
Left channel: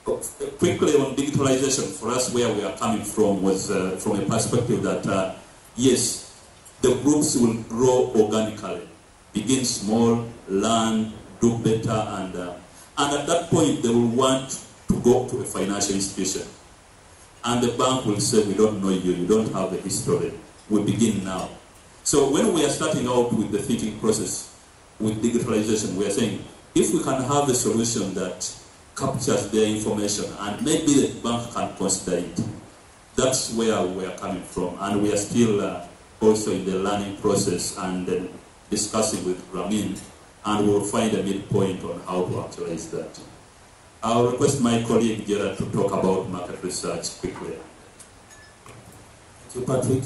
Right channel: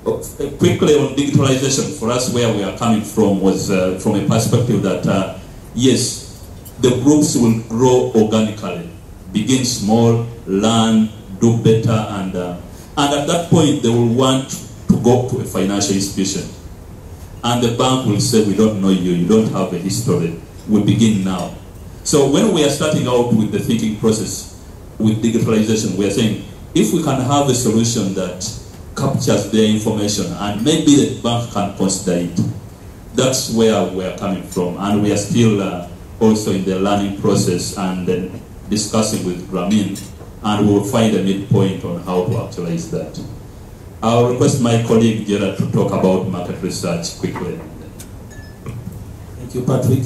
Quickly on digitalization, for us where we are coming from was from a perspective that, yes, the groups will grow organically, begin small, learn, do better, and at that point they will want to go to a financial institution. And the bank will say, we don't know you, you don't have a history. We begin now. So when we are starting out with the thinking process, with digitalization, we are saying, if we can have a solution that captures their information and maybe the bank can consider it, that's where we are coming from. And we are still also in the learning process and discussing with Ramin, and we will find a midpoint on how to actualize that. I'll request my colleague Gerard to talk about market research quickly. Thank you, Patrick.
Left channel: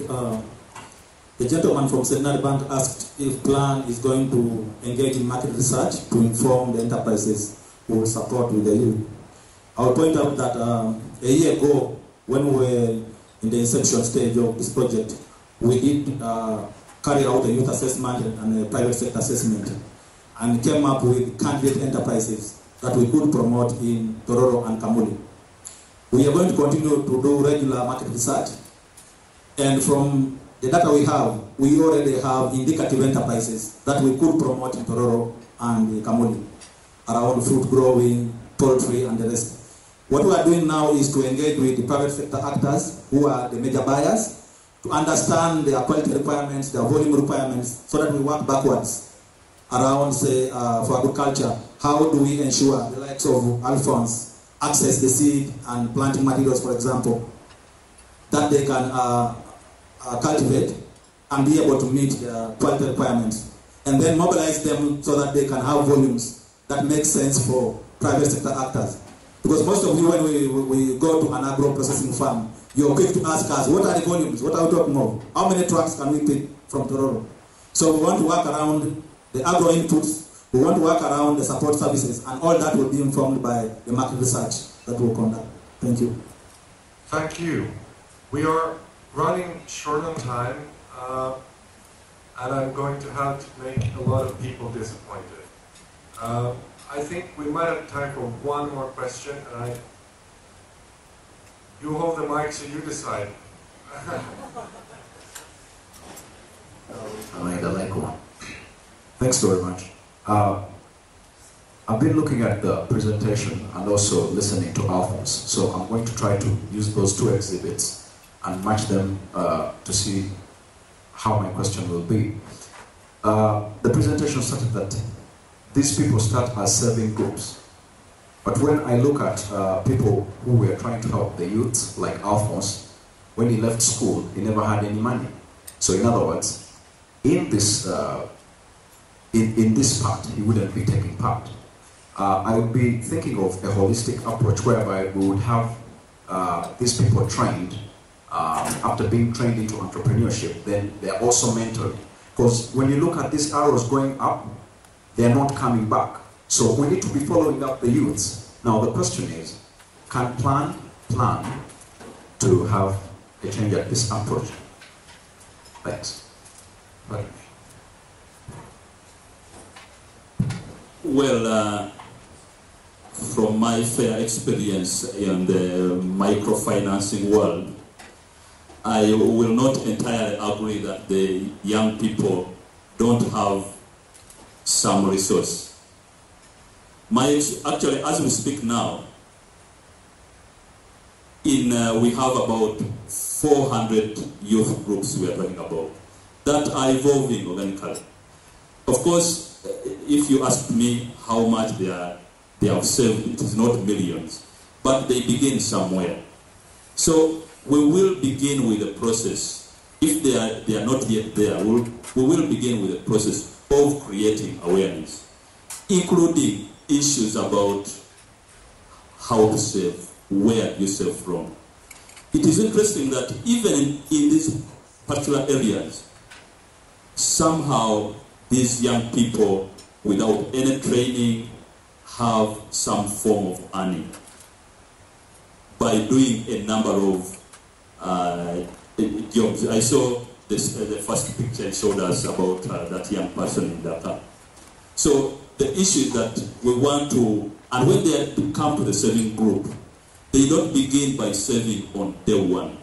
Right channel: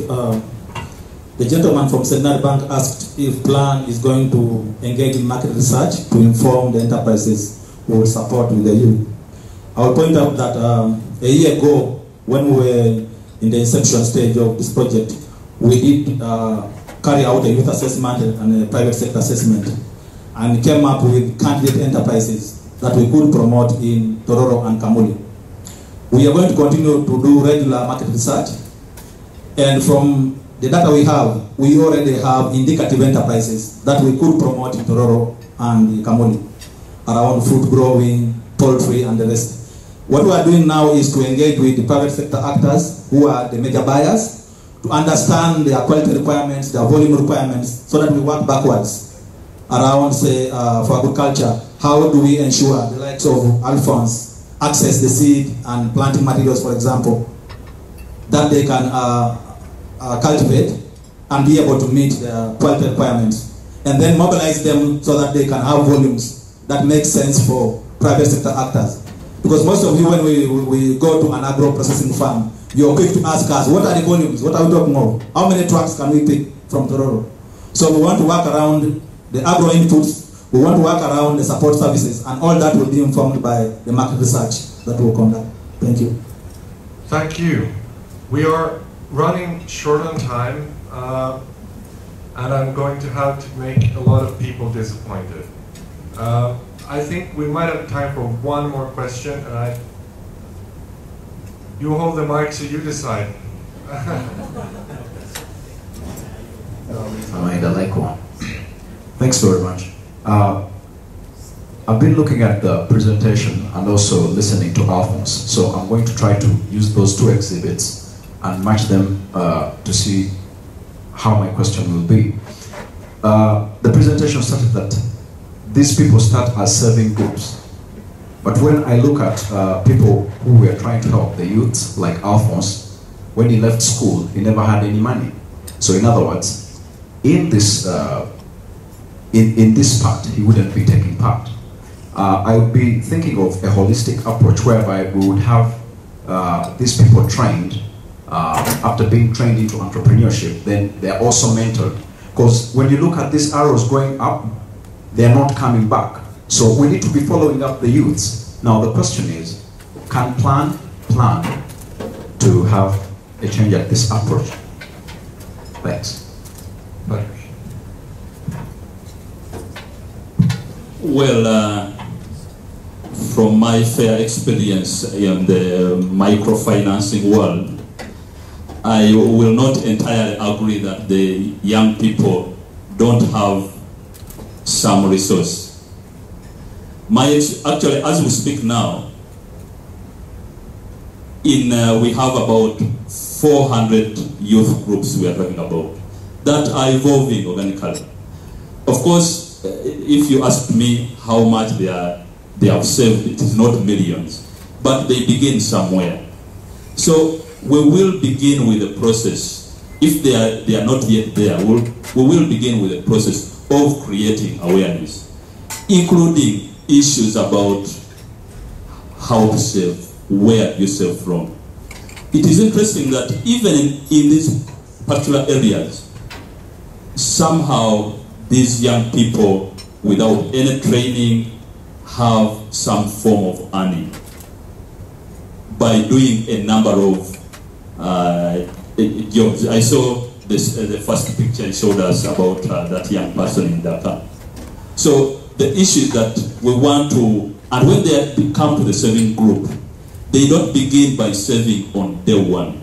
The gentleman from Serena Bank asked if Plan is going to engage in market research to inform the enterprises who will support with the youth. I'll point out that a year ago, when we were in the inception stage of this project, we did carry out a youth assessment and a private sector assessment, and came up with candidate enterprises that we could promote in Tororo and Kamuli. We are going to continue to do regular market research, and from the data we have, we already have indicative enterprises that we could promote in Tororo and in Kamuli around fruit growing, poultry, and the rest. What we are doing now is to engage with the private sector actors who are the major buyers to understand their quality requirements, their volume requirements, so that we work backwards around, say, for agriculture. How do we ensure the likes of Alphonse access the seed and planting materials, for example, that they can cultivate and be able to meet their quality requirements, and then mobilize them so that they can have volumes that make sense for private sector actors. Because most of you, when we go to an agro-processing farm, you're quick to ask us, what are the volumes? What are we talking about? How many trucks can we pick from Tororo? So we want to work around the agro inputs, we want to work around the support services, and all that will be informed by the market research that will conduct. Thank you. Thank you. We are running short on time, and I'm going to have to make a lot of people disappointed. I think we might have time for one more question, and you hold the mic so you decide. Thanks very much. I've been looking at the presentation and also listening to Alphonse, so I'm going to try to use those 2 exhibits and match them to see how my question will be. The presentation started that these people start as serving groups, but when I look at people who were trying to help the youths, like Alphonse, when he left school, he never had any money. So in other words, in this in this part, he wouldn't be taking part. I would be thinking of a holistic approach whereby we would have these people trained. After being trained into entrepreneurship, then they are also mentored. Because when you look at these arrows going up, they are not coming back. So we need to be following up the youths. Now the question is, can plan to have a change at this approach? Thanks. Well, from my fair experience in the microfinancing world, I will not entirely agree that the young people don't have some resource. Actually, as we speak now, we have about 400 youth groups we are talking about that are evolving organically. Of course, if you ask me how much they have saved, it is not millions, but they begin somewhere. So we will begin with the process. If they are not yet there, we will begin with the process of creating awareness, including issues about how to save, where you save from. It is interesting that even in these particular areas, somehow these young people without any training have some form of earning by doing a number of jobs. I saw this, the first picture showed us about that young person in Dhaka. So the issue is that we want to, and when they come to the saving group, they don't begin by saving on day one.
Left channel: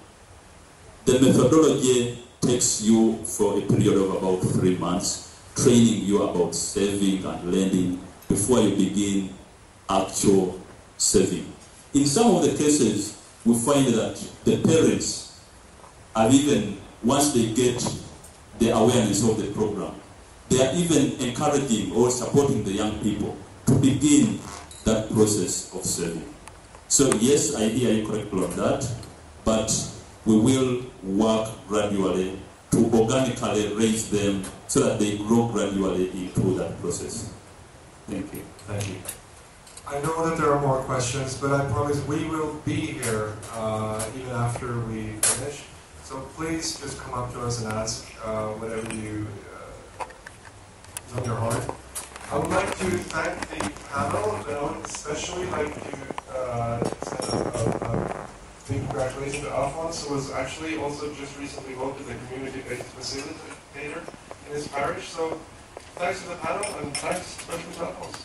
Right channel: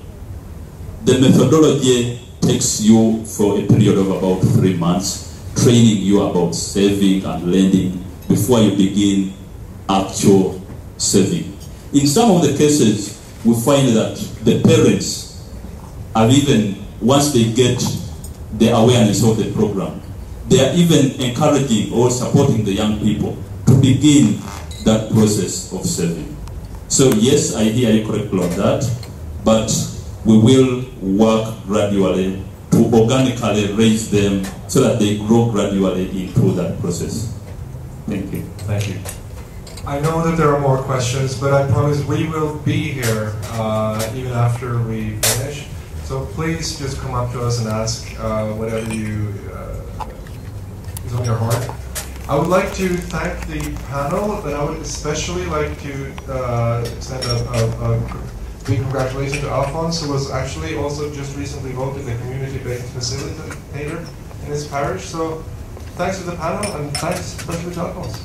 The methodology takes you for a period of about 3 months, training you about saving and lending before you begin actual saving. In some of the cases, we find that the parents have even, once they get the awareness of the program, they are even encouraging or supporting the young people to begin that process of saving. So yes, I hear you correctly on that, but we will work gradually to organically raise them so that they grow gradually into that process. Thank you. Thank you. I know that there are more questions, but I promise we will be here even after we finish. So please just come up to us and ask whatever you is on your heart. I would like to thank the panel, but I would especially like to send a big congratulations to Alphonse, who was actually also just recently voted the community-based facilitator in his parish. So thanks to the panel, and thanks especially to Alphonse.